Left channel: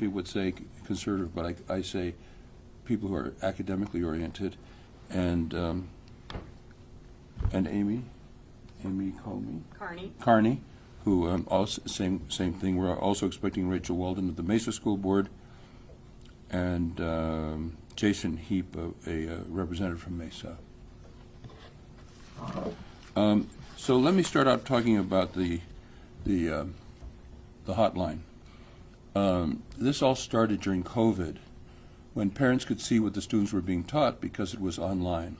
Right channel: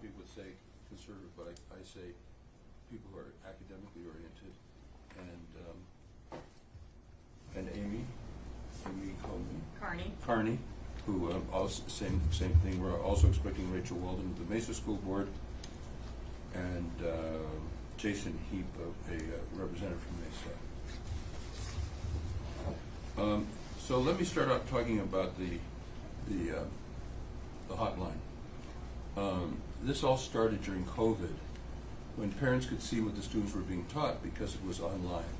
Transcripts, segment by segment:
people would say conservative, but I say people who are academically oriented, and Amy Carney, who also same thing. We're also expecting Rachel Walden of the Mesa School Board, and Jason Heap, a representative from Mesa. So let me start out talking about the hotline. This all started during COVID, when parents could see what the students were being taught because it was online.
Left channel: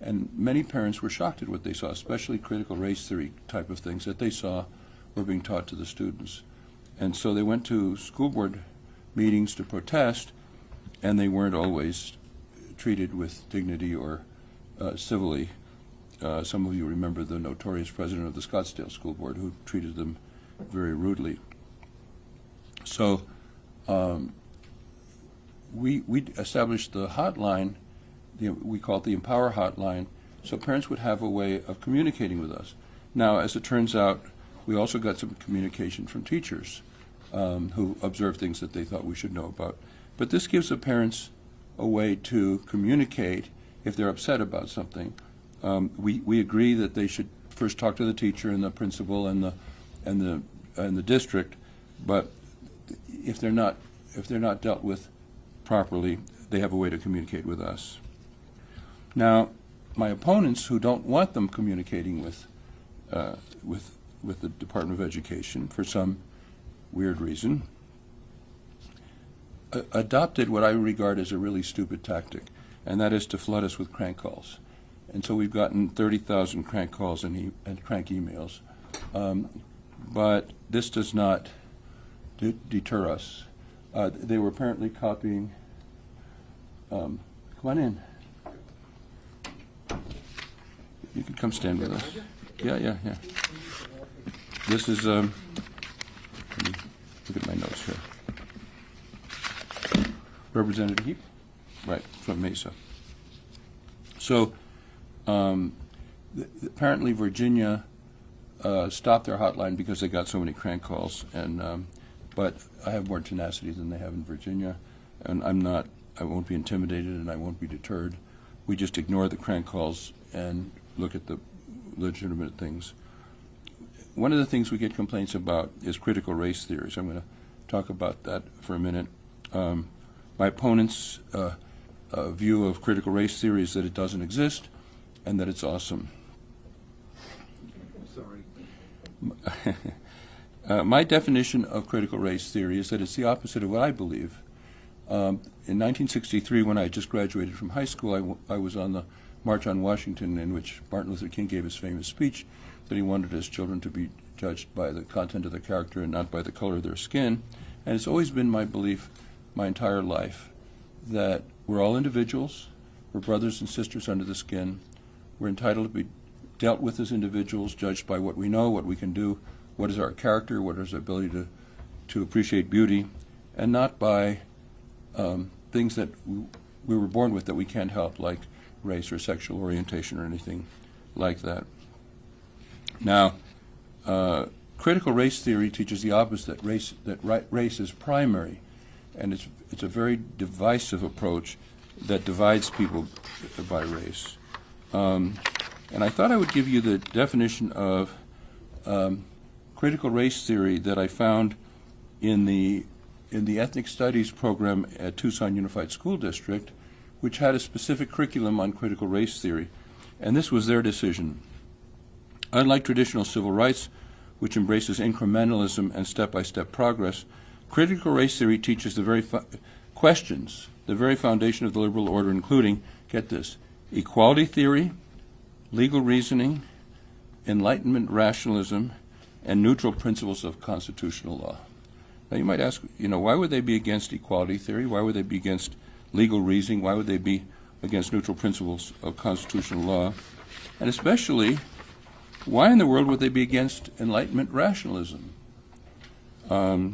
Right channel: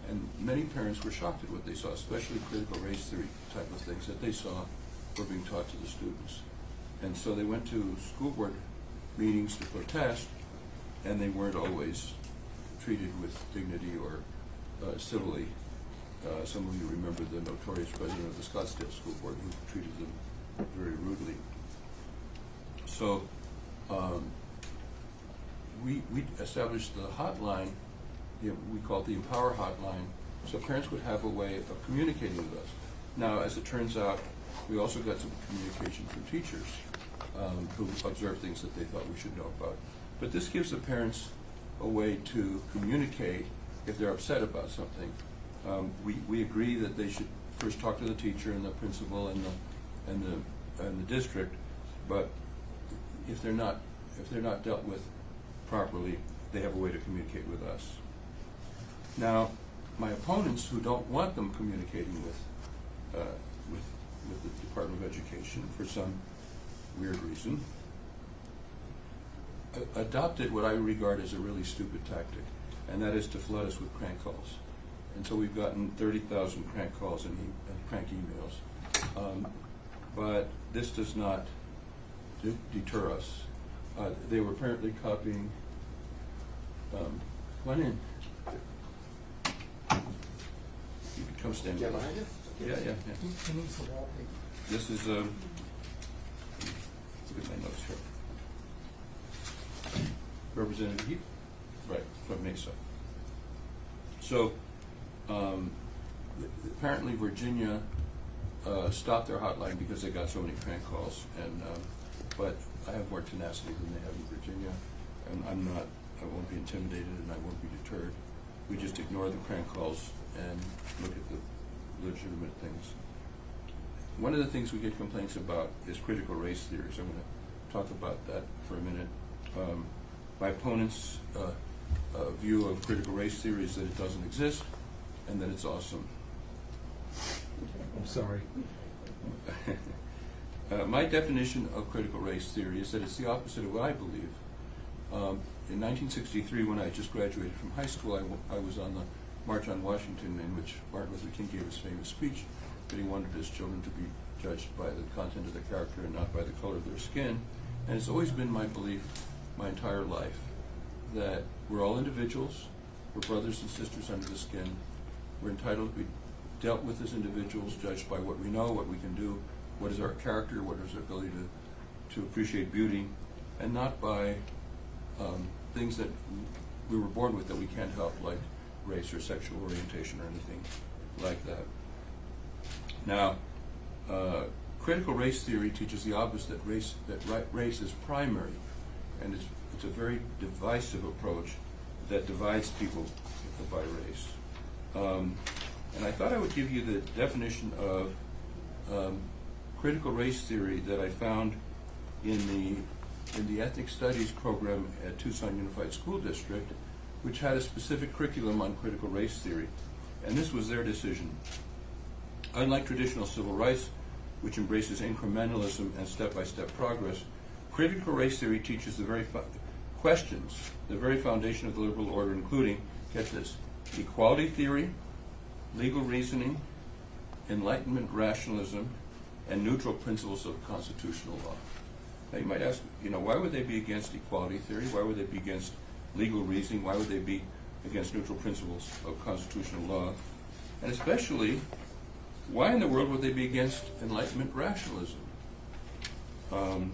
And many parents were shocked at what they saw, especially critical race theory type of things that they saw were being taught to the students. And so they went to school board meetings to protest, and they weren't always treated with dignity or civilly. Some of you remember the notorious president of the Scottsdale School Board who treated them very rudely. So we established the hotline. We call it the Empower Hotline, so parents would have a way of communicating with us. Now, as it turns out, we also got some communication from teachers who observed things that they thought we should know about. But this gives the parents a way to communicate if they're upset about something. We agree that they should first talk to the teacher and the principal and the district, but if they're not dealt with properly, they have a way to communicate with us. Now, my opponents who don't want them communicating with the Department of Education for some weird reason adopted what I regard as a really stupid tactic, and that is to flood us with crank calls. And so we've gotten 30,000 crank calls and crank emails. But this does not deter us. They were apparently copying. Come on in. You can come stand with us. Yeah. This is, let me look at my notes here. Representative Heap? Right, from Mesa. So, apparently Virginia stopped their hotline because they got so many crank calls, and but I have more tenacity than they have in Virginia, and I won't be intimidated and I won't be deterred. We just ignore the crank calls and look at the legitimate things. One of the things we get complaints about is critical race theories. I'm going to talk about that for a minute. My opponent's view of critical race theory is that it doesn't exist and that it's awesome. I'm sorry. My definition of critical race theory is that it's the opposite of what I believe. In 1963, when I just graduated from high school, I was on the March on Washington, in which Martin Luther King gave his famous speech that he wanted his children to be judged by the content of their character and not by the color of their skin. And it's always been my belief my entire life that we're all individuals, we're brothers and sisters under the skin, we're entitled to be dealt with as individuals, judged by what we know, what we can do, what is our character, what is our ability to appreciate beauty, and not by things that we were born with that we can't help, like race or sexual orientation or anything like that. Now, critical race theory teaches the opposite, that race is primary, and it's a very divisive approach that divides people by race. And I thought I would give you the definition of critical race theory that I found in the ethnic studies program at Tucson Unified School District, which had a specific curriculum on critical race theory. And this was their decision. Unlike traditional civil rights, which embraces incrementalism and step-by-step progress, critical race theory teaches the very questions, the very foundation of the liberal order, including, get this, equality theory, legal reasoning, Enlightenment rationalism, and neutral principles of constitutional law. Now you might ask, why would they be against equality theory? Why would they be against legal reasoning? Why would they be against neutral principles of constitutional law? And especially, why in the world would they be against Enlightenment rationalism? The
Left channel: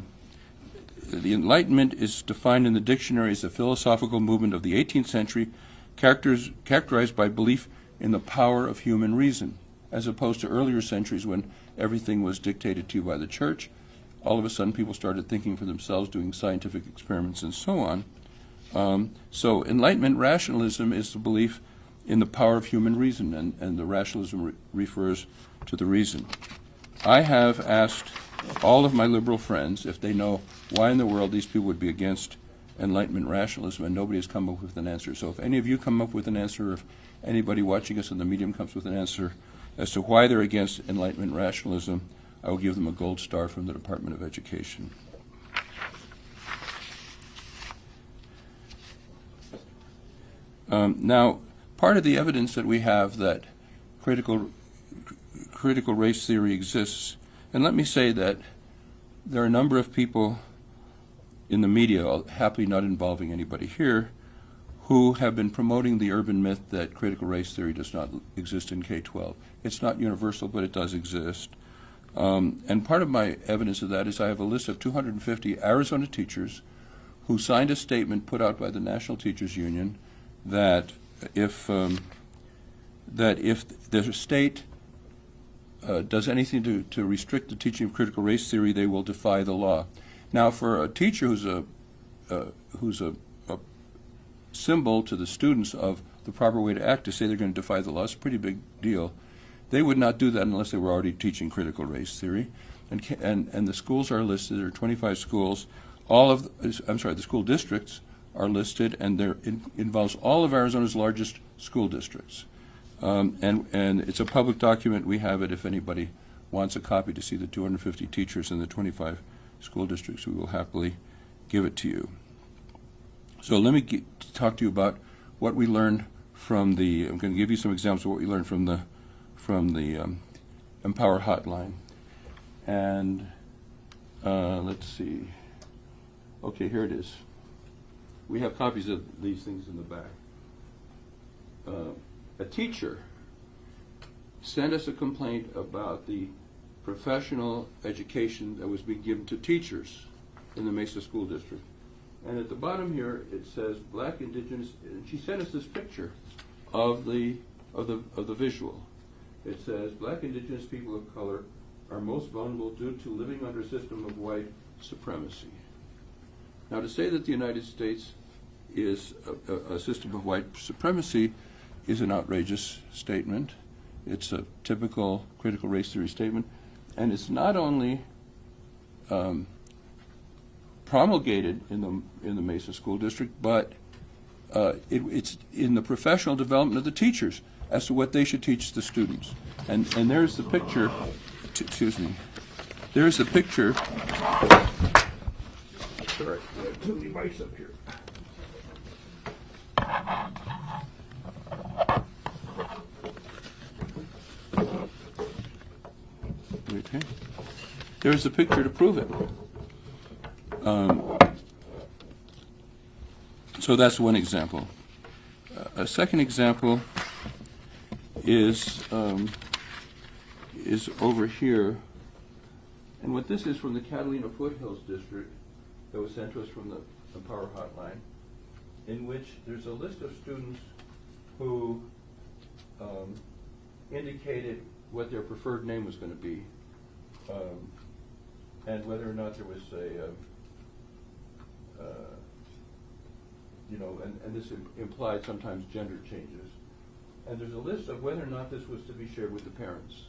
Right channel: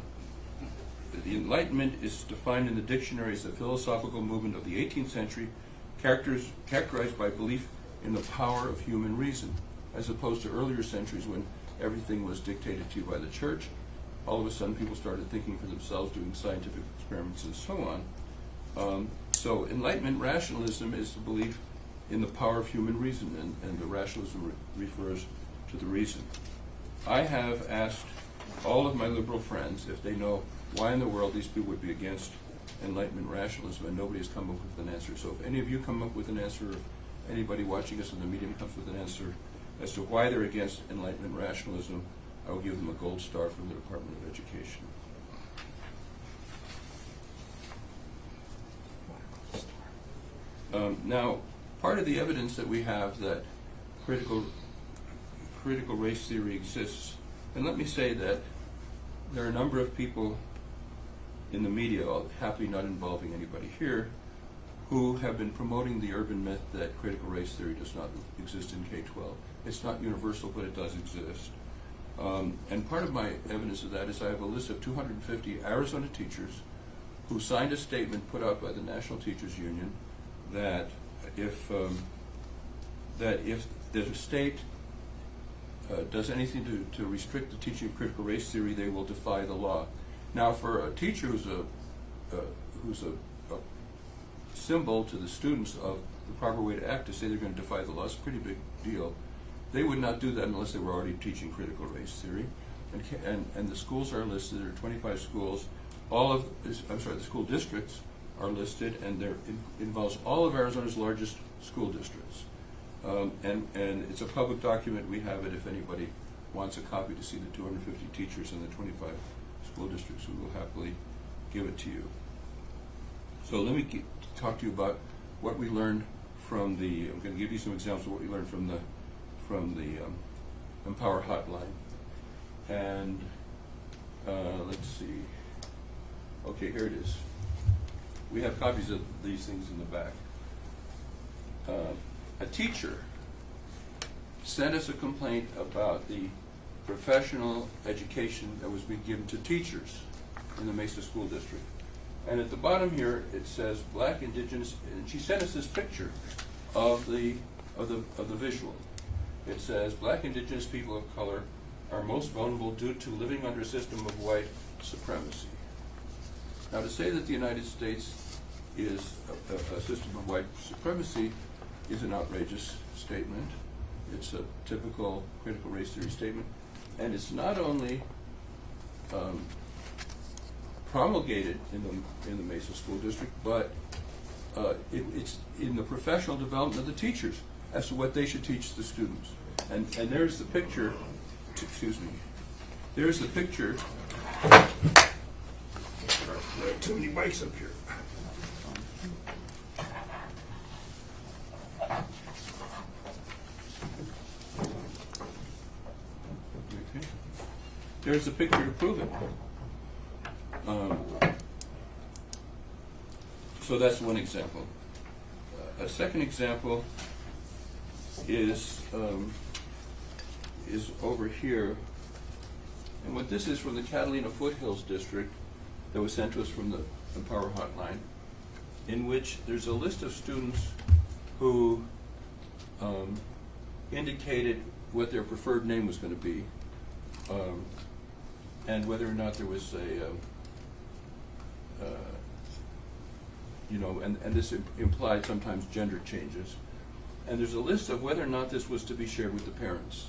Enlightenment is defined in the dictionary as a philosophical movement of the 18th century characterized by belief in the power of human reason, as opposed to earlier centuries when everything was dictated to you by the church all of a sudden people started thinking for themselves, doing scientific experiments and so on. So Enlightenment rationalism is the belief in the power of human reason, and the rationalism refers to the reason. I have asked all of my liberal friends if they know why in the world these people would be against Enlightenment rationalism, and nobody has come up with an answer. So if any of you come up with an answer, or if anybody watching us in the medium comes with an answer as to why they're against Enlightenment rationalism, I will give them a gold star from the Department of Education. Now, part of the evidence that we have that critical race theory exists, and let me say that there are a number of people in the media, happily not involving anybody here, who have been promoting the urban myth that critical race theory does not exist in K-12. It's not universal, but it does exist. And part of my evidence of that is I have a list of 250 Arizona teachers who signed a statement put out by the National Teachers Union that if the state does anything to restrict the teaching of critical race theory, they will defy the law. Now, for a teacher who's a symbol to the students of the proper way to act, to say they're going to defy the law is a pretty big deal. They would not do that unless they were already teaching critical race theory. And the schools are listed. There are 25 schools. The school districts are listed, and it involves all of Arizona's largest school districts. And it's a public document. We have it if anybody wants a copy to see the 250 teachers in the 25 school districts. We will happily give it to you. So let me talk to you about what we learned from I'm going to give you some examples of what we learned from the Empower Hotline. And let's see. Okay, here it is. We have copies of these things in the back. A teacher sent us a complaint about the professional education that was being given to teachers in the Mesa School District. And at the bottom here it says Black, Indigenous, and she sent us this picture of the visual. It says Black, Indigenous people of color are most vulnerable due to living under a system of white supremacy. Now, to say that the United States is a system of white supremacy is an outrageous statement. It's a typical critical race theory statement, and it's not only promulgated in the Mesa School District, but it's in the professional development of the teachers as to what they should teach the students. And there's the picture. Excuse me. There's the picture. Sorry, I got too many mics up here. Okay. There's the picture to prove it. So that's one example. A second example is over here, and what this is from the Catalina Foothills District that was sent to us from the Empower Hotline, in which there's a list of students who indicated what their preferred name was going to be, and whether or not there was and this implied sometimes gender changes. And there's a list of whether or not this was to be shared with the parents.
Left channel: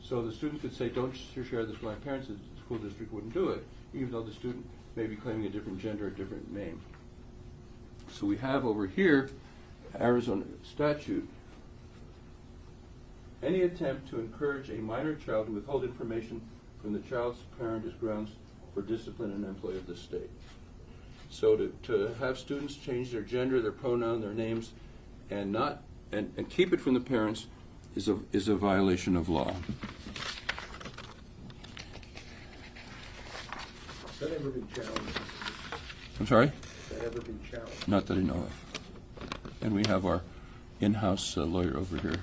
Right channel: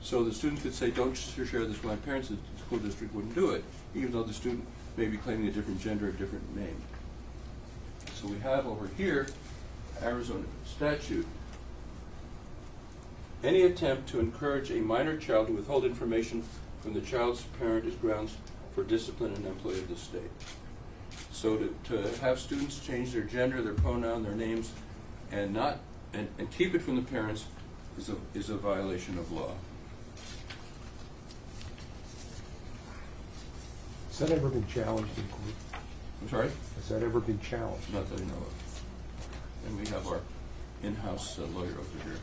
So the students could say, don't share this with my parents. The school district wouldn't do it, even though the student may be claiming a different gender, a different name. So we have over here, Arizona statute, any attempt to encourage a minor child to withhold information from the child's parent is grounds for discipline in an employee of the state. So to have students change their gender, their pronoun, their names, and keep it from the parents is a violation of law. Has that ever been challenged? I'm sorry? Has that ever been challenged? Not that I know of. And we have our in-house lawyer over here.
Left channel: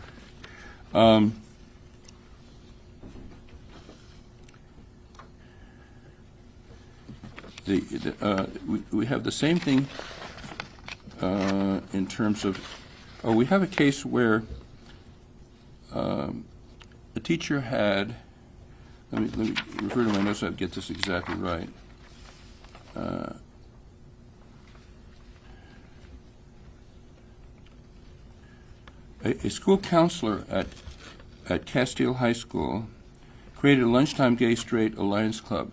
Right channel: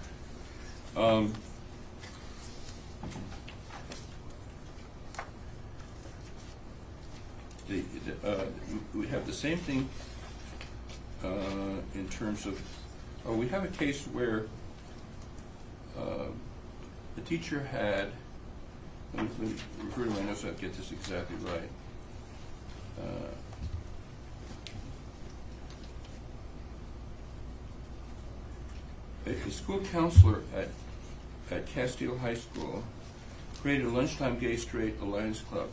We have the same thing in terms of, we have a case where a teacher had let me refer to my notes so I get this exactly right. A school counselor at Scottsdale High School created a lunchtime gay straight alliance club.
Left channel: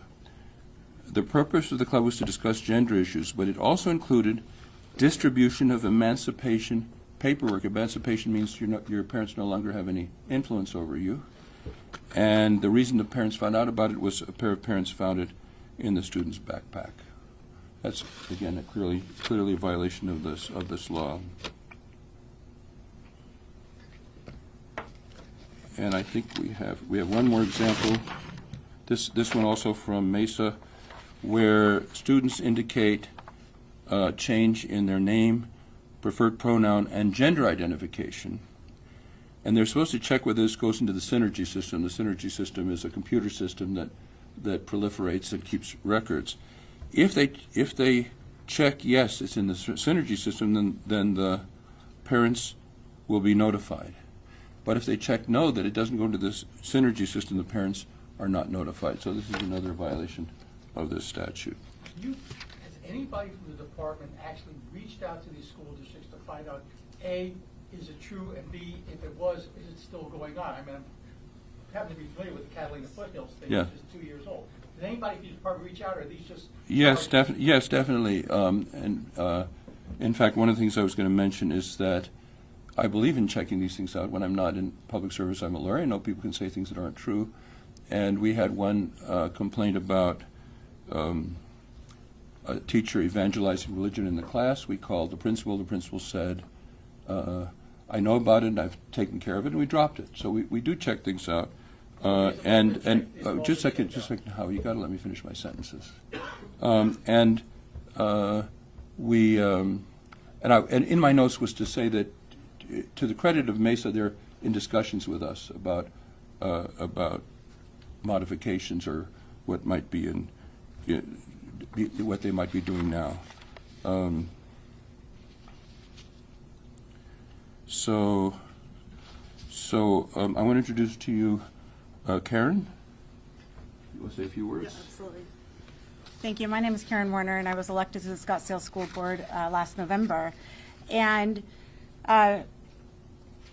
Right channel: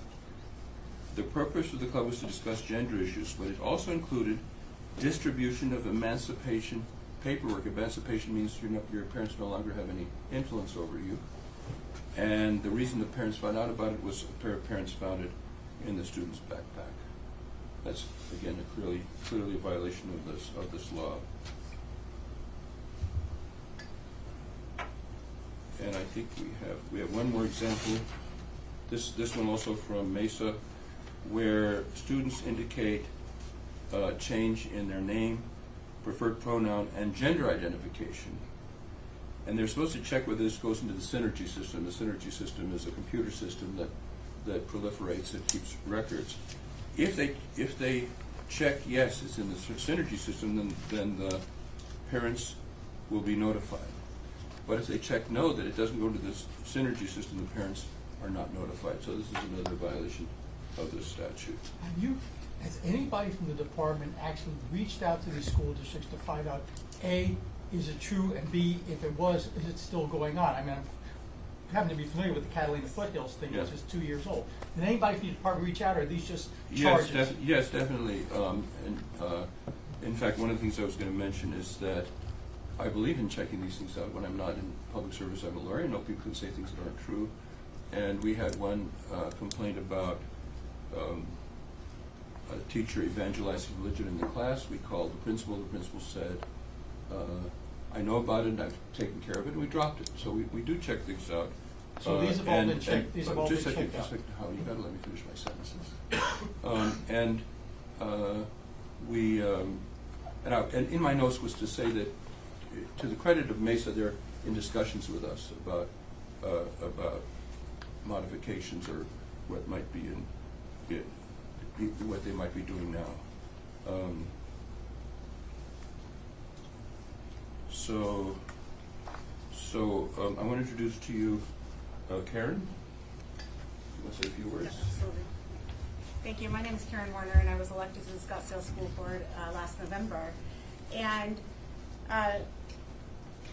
The purpose of the club was to discuss gender issues, but it also included distribution of emancipation paperwork. Emancipation means your parents no longer have any influence over you. And the reason the parents found out about it was a pair of parents found it in the student's backpack. That's, again, clearly a violation of this law. And I think we have one more example. This one also from Mesa, where students indicate change in their name, preferred pronoun, and gender identification. And they're supposed to check whether this goes into the synergy system. The synergy system is a computer system that proliferates, that keeps records. If they check yes, it's in the synergy system, then the parents will be notified. But if they check no, that it doesn't go to this synergy system, the parents are not notified. So this is another violation of this statute. Has anybody from the department actually reached out to these school districts to find out, A, is it true, and B, if it was, is it still going on? I mean, I happen to be familiar with the Catalina Foothills thing, Yes. which is 2 years old. Did anybody from the department reach out, or are these just Yes, charges? yes, definitely. In fact, one of the things I was going to mention is that I believe in checking these things out. When I'm not in public service, I'm a lawyer. I know people can say things that aren't true. And we had one complaint about a teacher evangelizing religion in the class. We called the principal. The principal said, I know about it and I've taken care of it, and we dropped it. So we do check things out. So these have all been checked- these have all Just a been second, checked out. Howard, you got to let me finish my sentences. And in my notes was to say that, to the credit of Mesa, they're in discussions with us about modifications or what might be what they might be doing now. So I want to introduce to you Karen. You want to say a few words? Yeah, absolutely. Thank you. My name is Karen Warner, and I was elected to the Scottsdale School Board last November. And,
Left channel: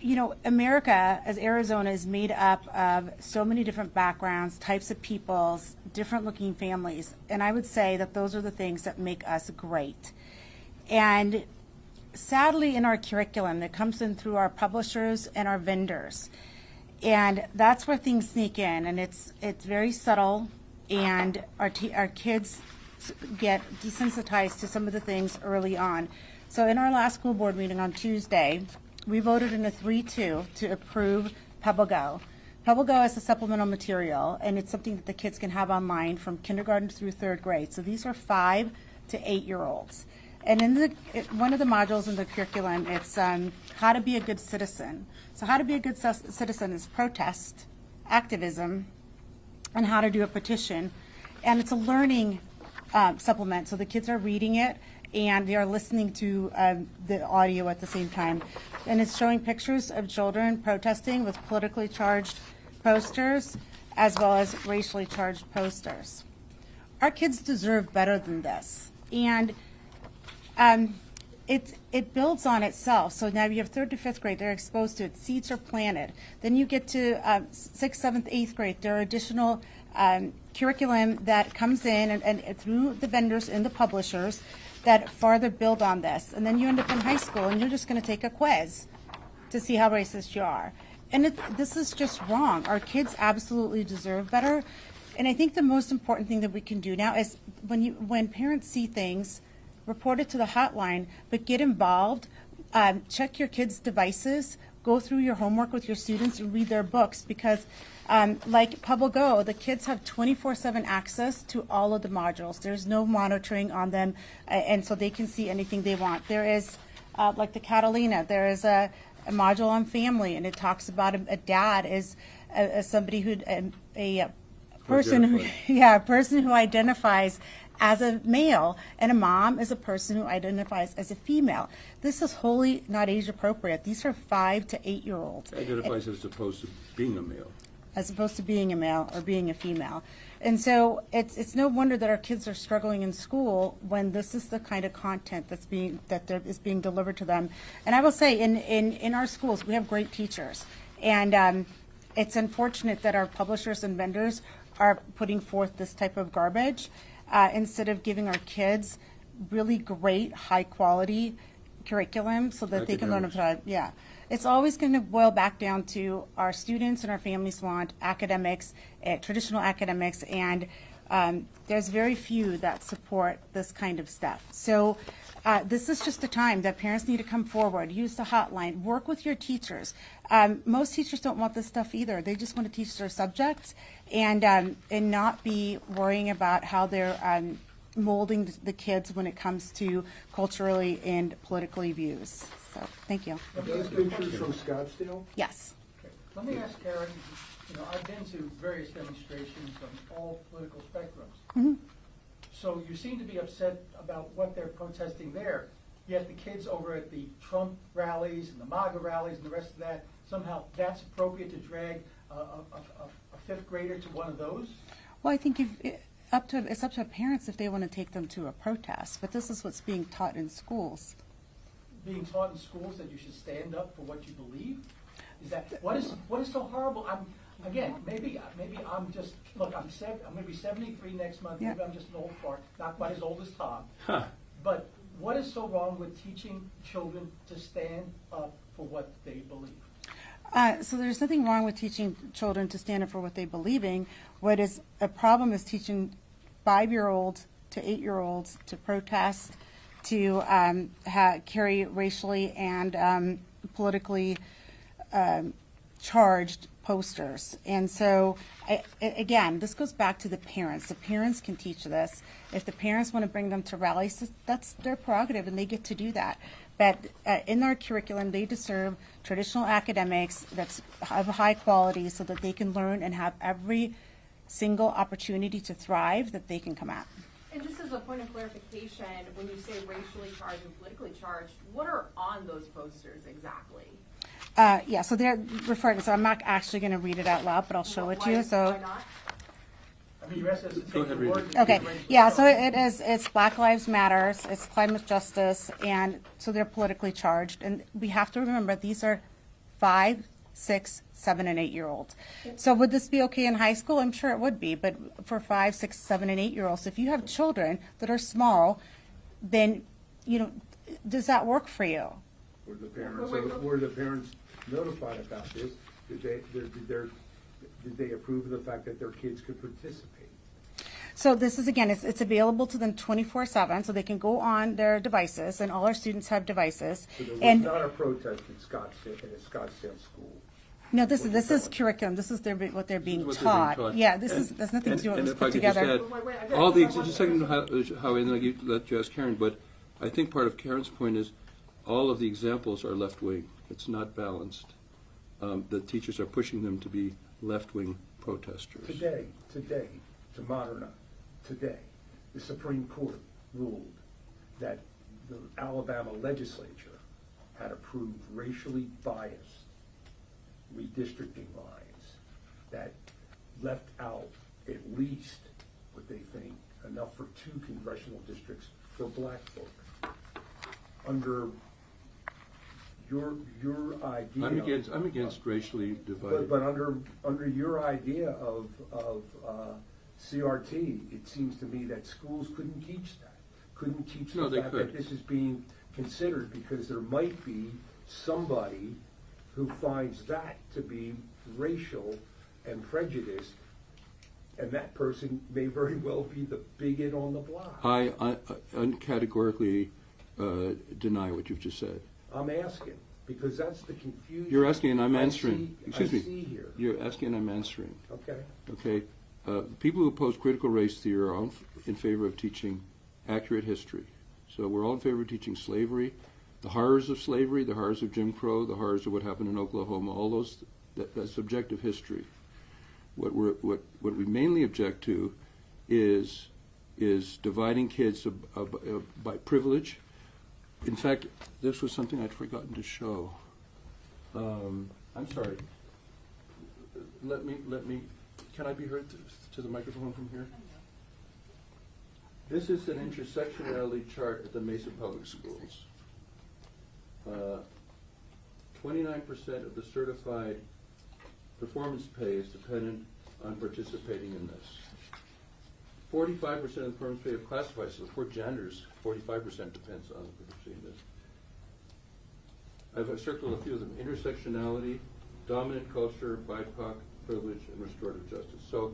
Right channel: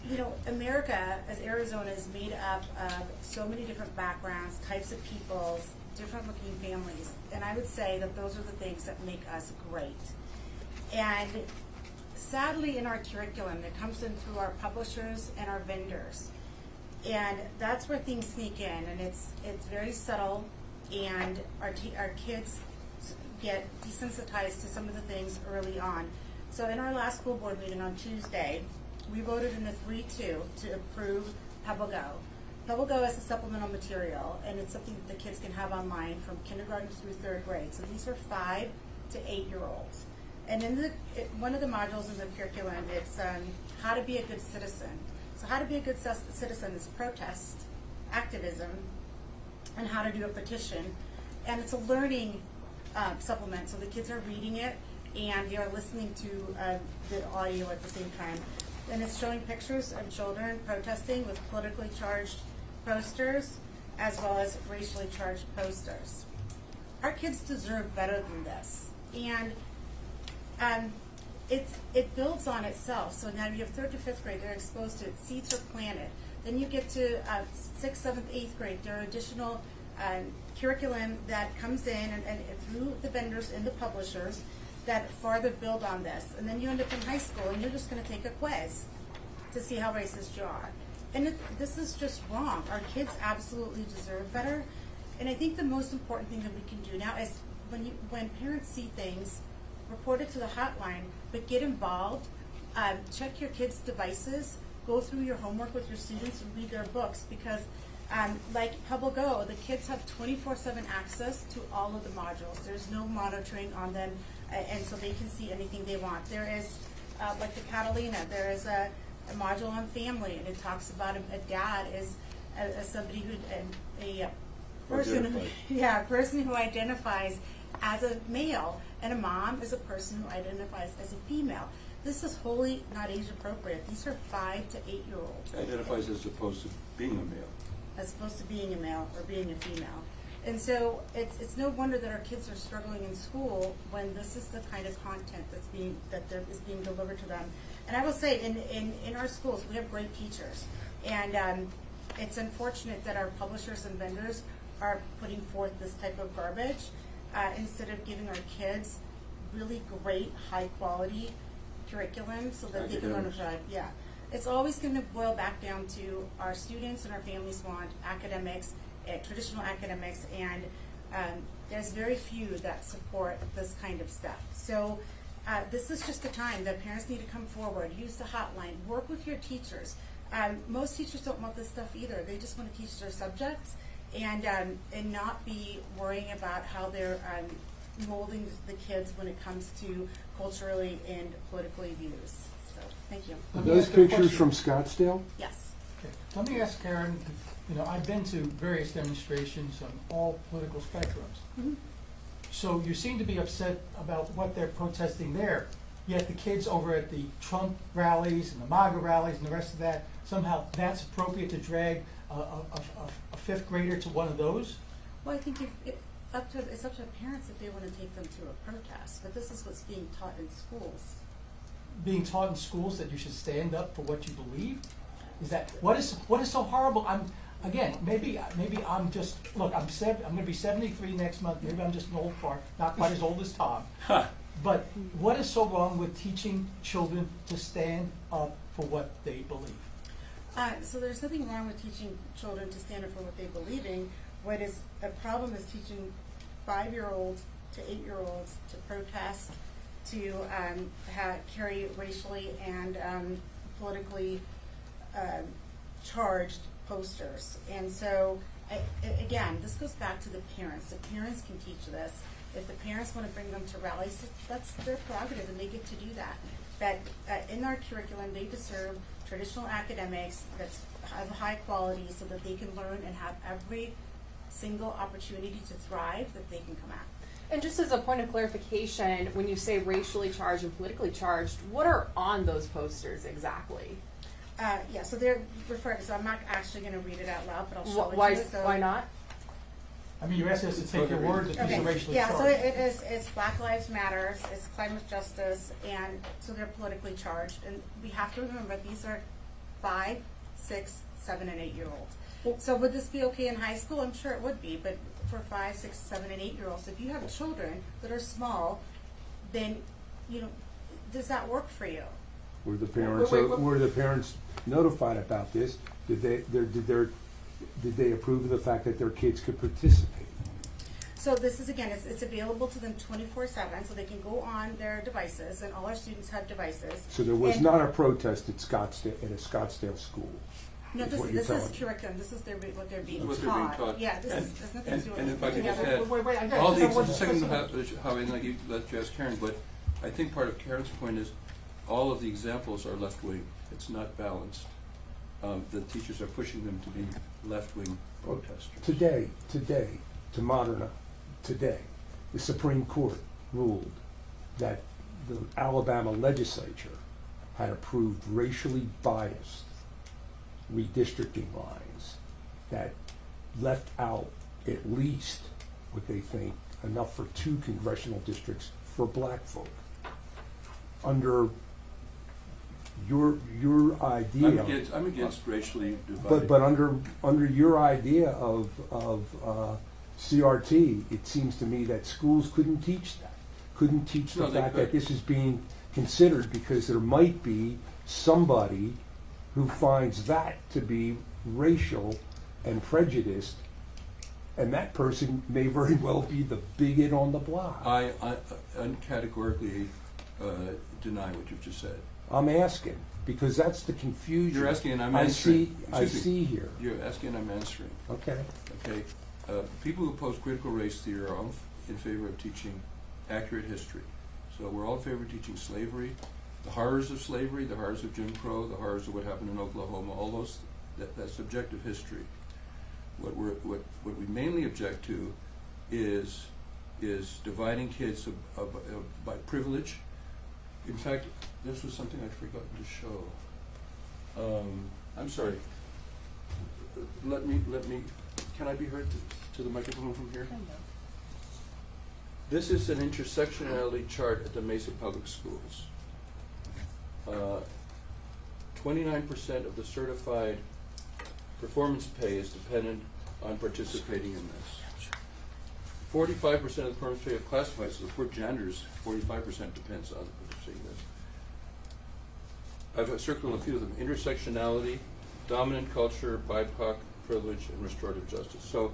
you know, America, as Arizona, is made up of so many different backgrounds, types of peoples, different looking families. And I would say that those are the things that make us great. And sadly, in our curriculum, it comes in through our publishers and our vendors. And that's where things sneak in, and it's very subtle, and our kids get desensitized to some of the things early on. So in our last school board meeting on Tuesday, we voted in a 3-2 to approve PebbleGo. PebbleGo is a supplemental material, and it's something that the kids can have online from kindergarten through 3rd grade. So these are 5 to 8-year-olds. And in one of the modules in the curriculum, it's how to be a good citizen. So how to be a good citizen is protest, activism, and how to do a petition. And it's a learning supplement, so the kids are reading it and they are listening to the audio at the same time. And it's showing pictures of children protesting with politically charged posters as well as racially charged posters. Our kids deserve better than this. And it builds on itself. So now you have 3rd to 5th grade, they're exposed to it, seeds are planted. Then you get to 6th, 7th, 8th grade, there are additional curriculum that comes in and through the vendors and the publishers that farther build on this. And then you end up in high school and you're just gonna take a quiz to see how racist you are. And this is just wrong. Our kids absolutely deserve better. And I think the most important thing that we can do now is when parents see things, report it to the hotline, but get involved, check your kids' devices, go through your homework with your students and read their books, because like PebbleGo, the kids have 24/7 access to all of the modules. There's no monitoring on them, and so they can see anything they want. There is, like the Catalina, there is a module on family, and it talks about a dad is somebody who, a person who identifies as a male, and a mom is a person who identifies as a female. This is wholly not age appropriate. These are 5 to 8-year-olds. Identifies as opposed to being a male. as opposed to being a male or being a female. And so it's no wonder that our kids are struggling in school when this is the kind of content that is being delivered to them. And I will say, in our schools, we have great teachers. And it's unfortunate that our publishers and vendors are putting forth this type of garbage instead of giving our kids really great, high-quality curriculum so that they can learn about it. Yeah. It's always going to boil back down to our students and our families want academics, traditional academics, and there's very few that support this kind of stuff. So this is just a time that parents need to come forward, use the hotline, work with your teachers. Most teachers don't want this stuff either. They just want to teach their subjects and not be worrying about how they're molding the kids when it comes to culturally and politically views. So, thank you. Are those pictures from Scottsdale? Yes. Okay. Let me ask Karen, I've been to various demonstrations on all political spectrums. Mm-hmm. So you seem to be upset about what they're protesting there, yet the kids over at the Trump rallies and the MAGA rallies and the rest of that, somehow that's appropriate to drag a fifth grader to one of those? Well, I think it's up to parents if they want to take them to a protest, but this is what's being taught in schools. Being taught in schools that you should stand up for what you believe? Is that what is so horrible? Maybe I'm just look. I'm going to be 73 next month. Maybe I'm just an old fart, not quite as old as Tom. Huh. But what is so wrong with teaching children to stand up for what they believe? So there's nothing wrong with teaching children to stand up for what they believe in. What is a problem is teaching 5-year-olds to 8-year-olds to protest, to carry racially and politically charged posters. And so, again, this goes back to the parents. The parents can teach this. If the parents want to bring them to rallies, that's their prerogative, and they get to do that. But in our curriculum, they deserve traditional academics that's of high quality so that they can learn and have every single opportunity to thrive that they can come at. And just as a point of clarification, when you say racially charged and politically charged, what are on those posters exactly? Yeah, so they're referring, so I'm not actually going to read it out loud, but I'll show it to you. So why not? I mean, you're asking us to take your word. Okay, yeah, so it's Black Lives Matter, it's climate justice, and so they're politically charged. And we have to remember these are 5, 6, 7, and 8-year-olds. So would this be okay in high school? I'm sure it would be, but for 5, 6, 7, and 8-year-olds, if you have children that are small, then, does that work for you? Were the parents notified about this? Did they approve of the fact that their kids could participate? So this is, again, it's available to them 24/7, so they can go on their devices, and all our students have devices. So there was not a protest at a Scottsdale school? No, this what is you're telling me. curriculum. This is what they're being This is taught. what they're being taught. Yeah, there's nothing to do with And this if I put could just together. add, Wait, I got all it. these, What's just a the second, question? how and then I let you ask Karen, but I think part of Karen's point is all of the examples are left-wing. It's not balanced. The teachers are pushing them to be left-wing protesters. Today, the Supreme Court ruled that the Alabama legislature had approved racially biased redistricting lines that left out at least what they think enough for 2 congressional districts for black folk. Under your idea, I'm against racially divided. but under your idea of CRT, it seems to me that schools couldn't teach that. Couldn't teach the No, they fact could. that this is being considered because there might be somebody who finds that to be racial and prejudiced, and that person may very well be the bigot on the block. I uncategorically deny what you've just said. I'm asking because that's the confusion. You're asking and I'm answering. I Excuse me. see here. You're asking and I'm answering. Okay. Okay, people who oppose critical race theory are all in favor of teaching accurate history. So we're all in favor of teaching slavery, the horrors of slavery, the horrors of Jim Crow, the horrors of what happened in Oklahoma, all those, that's objective history. What we mainly object to is dividing kids by privilege. In fact, this was something I'd forgotten to show. I'm sorry. let me, can I be heard to the microphone from here? This is an intersectionality chart at the Mesa Public Schools. 29% of the certified performance pay is dependent on participating in this. 45% of the performance pay of classified, so for janitors, 45% depends on participating in this. I've circled a few of them: intersectionality, dominant culture, BIPOC, privilege, and restorative justice. So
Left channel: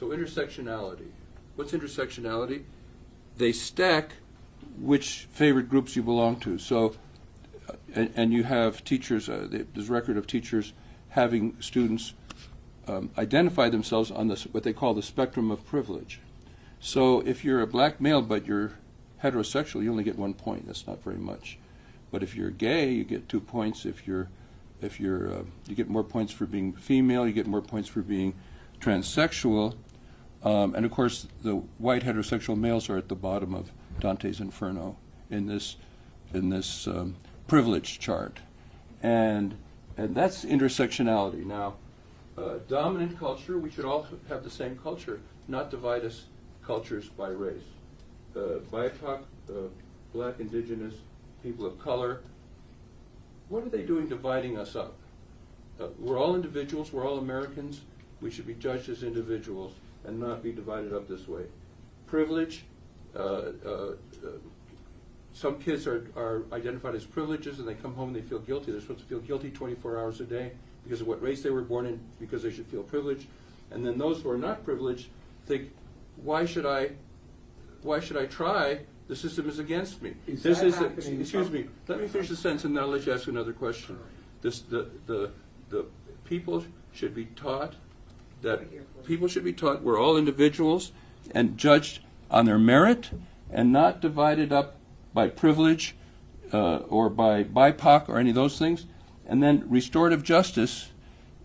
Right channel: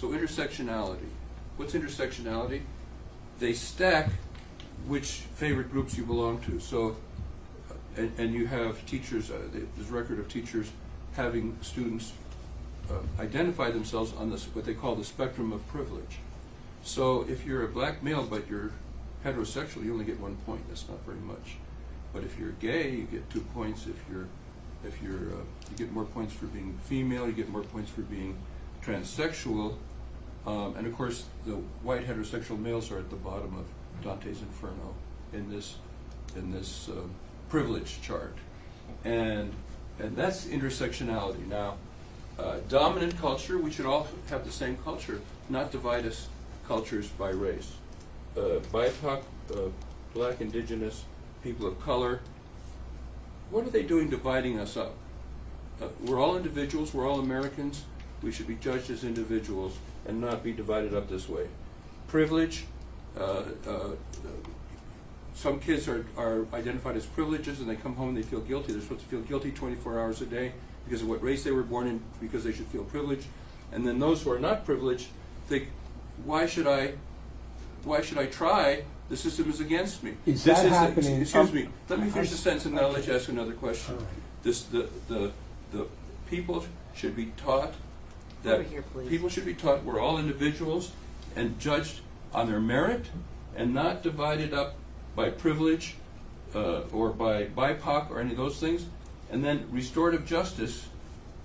intersectionality. What's intersectionality? They stack which favorite groups you belong to. So, and you have teachers, there's record of teachers having students identify themselves on this, what they call the spectrum of privilege. So if you're a black male but you're heterosexual, you only get 1 point. That's not very much. But if you're gay, you get 2 points. If you're you get more points for being female. You get more points for being transsexual. And of course, the white heterosexual males are at the bottom of Dante's Inferno in this privilege chart, and that's intersectionality. Now, dominant culture, we should all have the same culture, not divide us cultures by race. BIPOC, black, indigenous, people of color, what are they doing dividing us up? We're all individuals, we're all Americans, we should be judged as individuals and not be divided up this way. Privilege, some kids are identified as privileges and they come home and they feel guilty. They're supposed to feel guilty 24 hours a day because of what race they were born in, because they should feel privileged. And then those who are not privileged think, why should I try? The system is against me. Is that happening? Excuse me. Let me finish the sentence and then I'll let you ask another question. The people should be taught that we're all individuals and judged on their merit and not divided up by privilege or by BIPOC or any of those things. And then restorative justice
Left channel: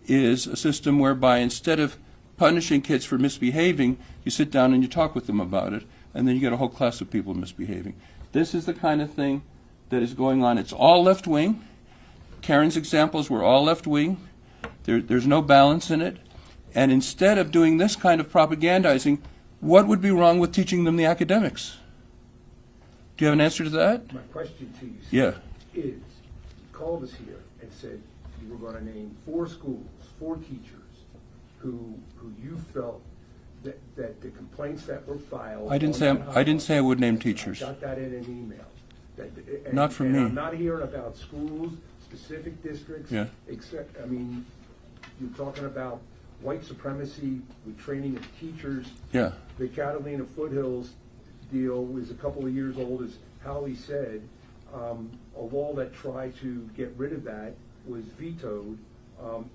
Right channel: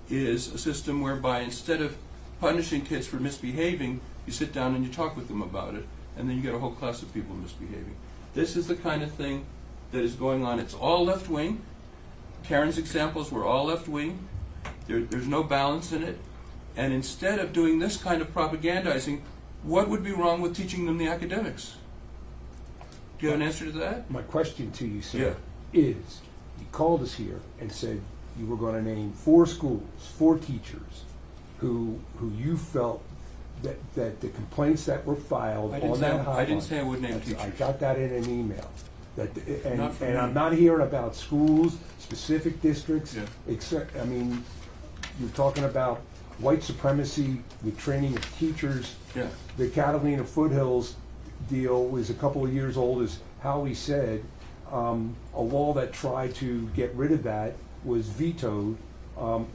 is a system whereby instead of punishing kids for misbehaving, you sit down and you talk with them about it, and then you get a whole class of people misbehaving. This is the kind of thing that is going on. It's all left-wing. Karen's examples were all left-wing. There's no balance in it. And instead of doing this kind of propagandizing, what would be wrong with teaching them the academics? Do you have an answer to that? My question to you, sir, Yeah. is you called us here and said you were going to name 4 schools, 4 teachers who you felt that the complaints that were filed. I didn't say I would name teachers. I got that in an email. Not from me. I'm not hearing about schools, specific districts. Yeah. Except, I mean, you're talking about white supremacy with training of teachers. Yeah. The Catalina Foothills deal is a couple of years old, as Howie said. A law that tried to get rid of that was vetoed.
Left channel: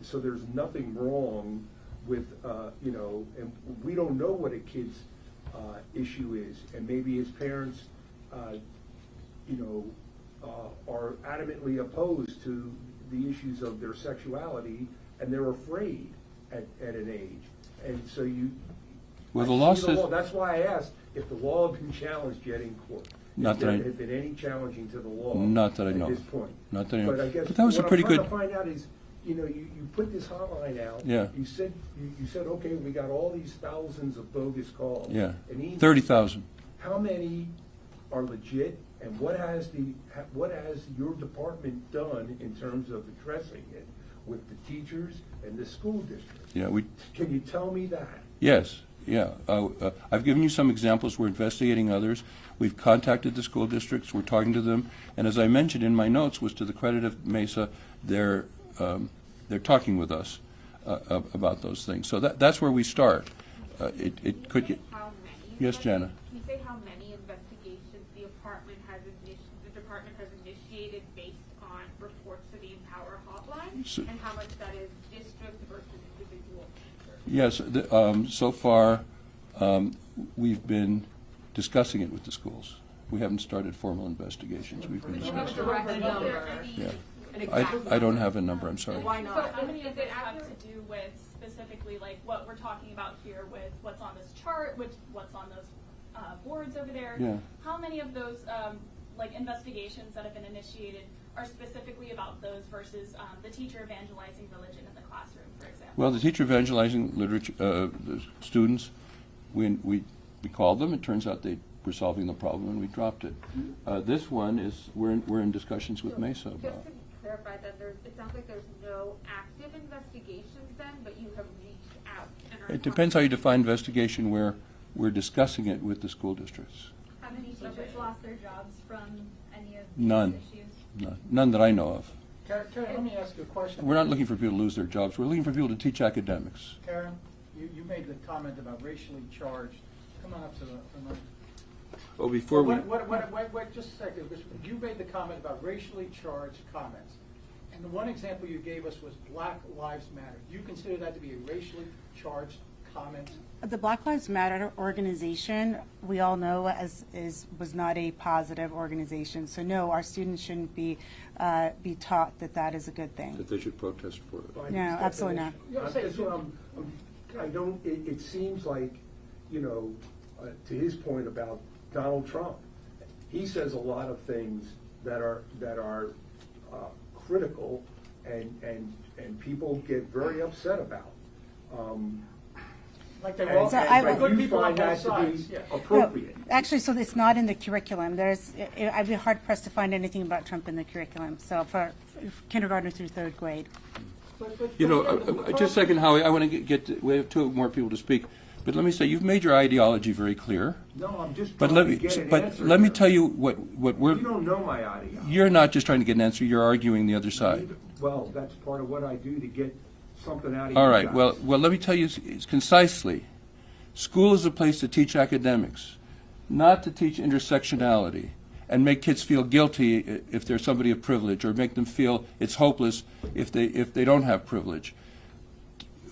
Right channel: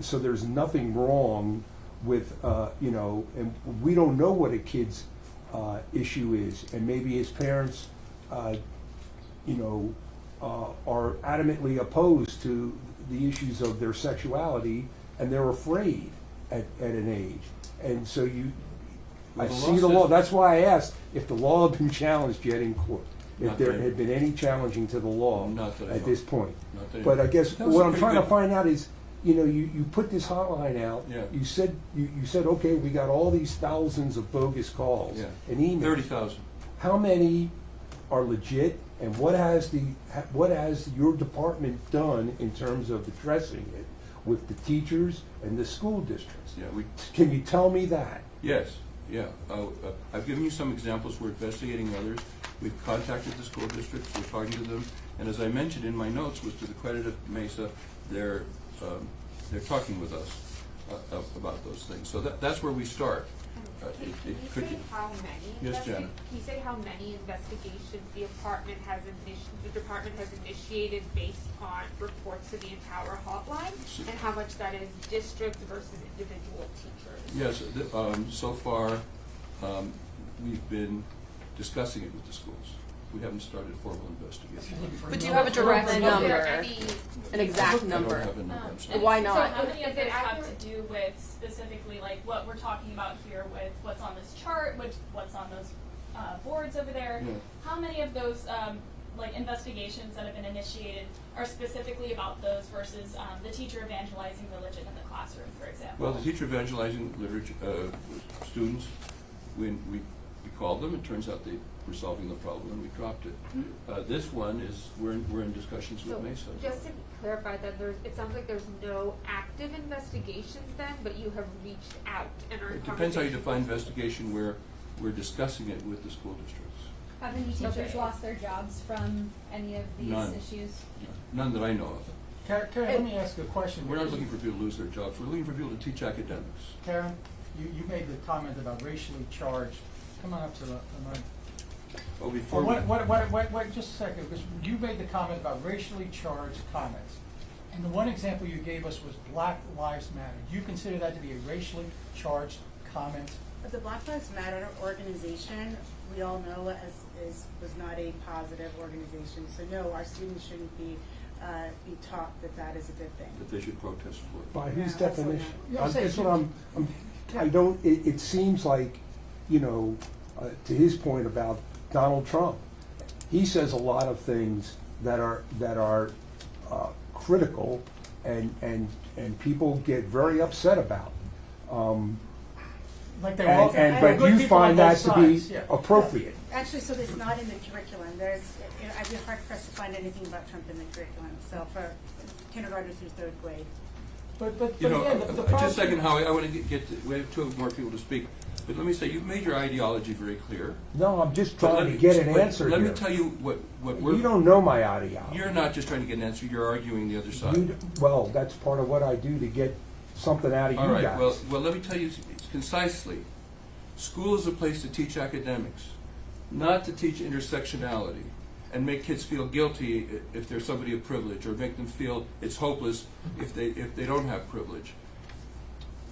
So there's nothing wrong with, and we don't know what a kid's issue is. And maybe his parents, are adamantly opposed to the issues of their sexuality, and they're afraid at an age. And so Well, I see the law. That's why I asked if the law had been challenged yet in court. If there had been any challenging to the law Not that I know. at this point. Not that I know. But I guess But that was what a I'm pretty trying to good- find out is, you put this hotline out. Yeah. You said, okay, we got all these thousands of bogus calls. Yeah. And emails. 30,000. How many are legit, and what has your department done in terms of addressing it with the teachers and the school districts? Yeah, Can you tell me that? Yes, yeah. I've given you some examples. We're investigating others. We've contacted the school districts. We're talking to them. And as I mentioned in my notes, was to the credit of Mesa, they're talking with us about those things. So that's where we start. It could get. How many? Yes, Jana. Can you say how many investigations the department has initiated based on reports to the Empower Hotline, and how much that is district versus individual teachers? Yes, so far we've been discussing it with the schools. We haven't started formal investigations. But do you have a direct Is number, there any- an exact number? I don't have a number, I'm sorry. Why not? So how many of Is it those have accurate? to do with specifically like what we're talking about here with what's on this chart, what's on those boards over there? Yeah. How many of those like investigations that have been initiated are specifically about those versus the teacher evangelizing religion in the classroom, for example? Well, the teacher evangelizing literature, the students, we called them. It turns out they were solving the problem, and we dropped it. This one is we're in discussions with So, Mesa. just to clarify that it sounds like there's no active investigations then, but you have reached out and are. It depends how you define investigation. Where we're discussing it with the school districts. Have any teachers Okay. lost their jobs from any of these None. issues? None that I know of. Karen, let me ask you a question. We're not looking for people to lose their jobs. We're looking for people to teach academics. Karen, you made the comment about racially charged. Come on up to the mic. Oh, before we... Wait, just a second, because you made the comment about racially charged comments. And the one example you gave us was Black Lives Matter. Do you consider that to be a racially charged comment? The Black Lives Matter organization, we all know was not a positive organization. So no, our students shouldn't be taught that that is a good thing. That they should protest for it. By No, his absolutely definition. not. Yeah, That's what I don't, it seems like, you know, to his point about Donald Trump, he says a lot of things that are critical and people get very upset about. Like they all, But good you people on find that both to be sides, yeah. appropriate. No, actually, so it's not in the curriculum. I'd be hard pressed to find anything about Trump in the curriculum. So for kindergarten through third grade. You know, again, the just a problem- second, Howie, I want to we have two more people to speak. But let me say, you've made your ideology very clear. No, I'm just But trying to get an answer let me here. tell you what we're... You don't know my ideology. You're not just trying to get an answer, you're arguing the other side. Well, that's part of what I do to get something out of All you right, guys. well, let me tell you concisely. School is a place to teach academics, not to teach intersectionality and make kids feel guilty if they're somebody of privilege, or make them feel it's hopeless if they don't have privilege.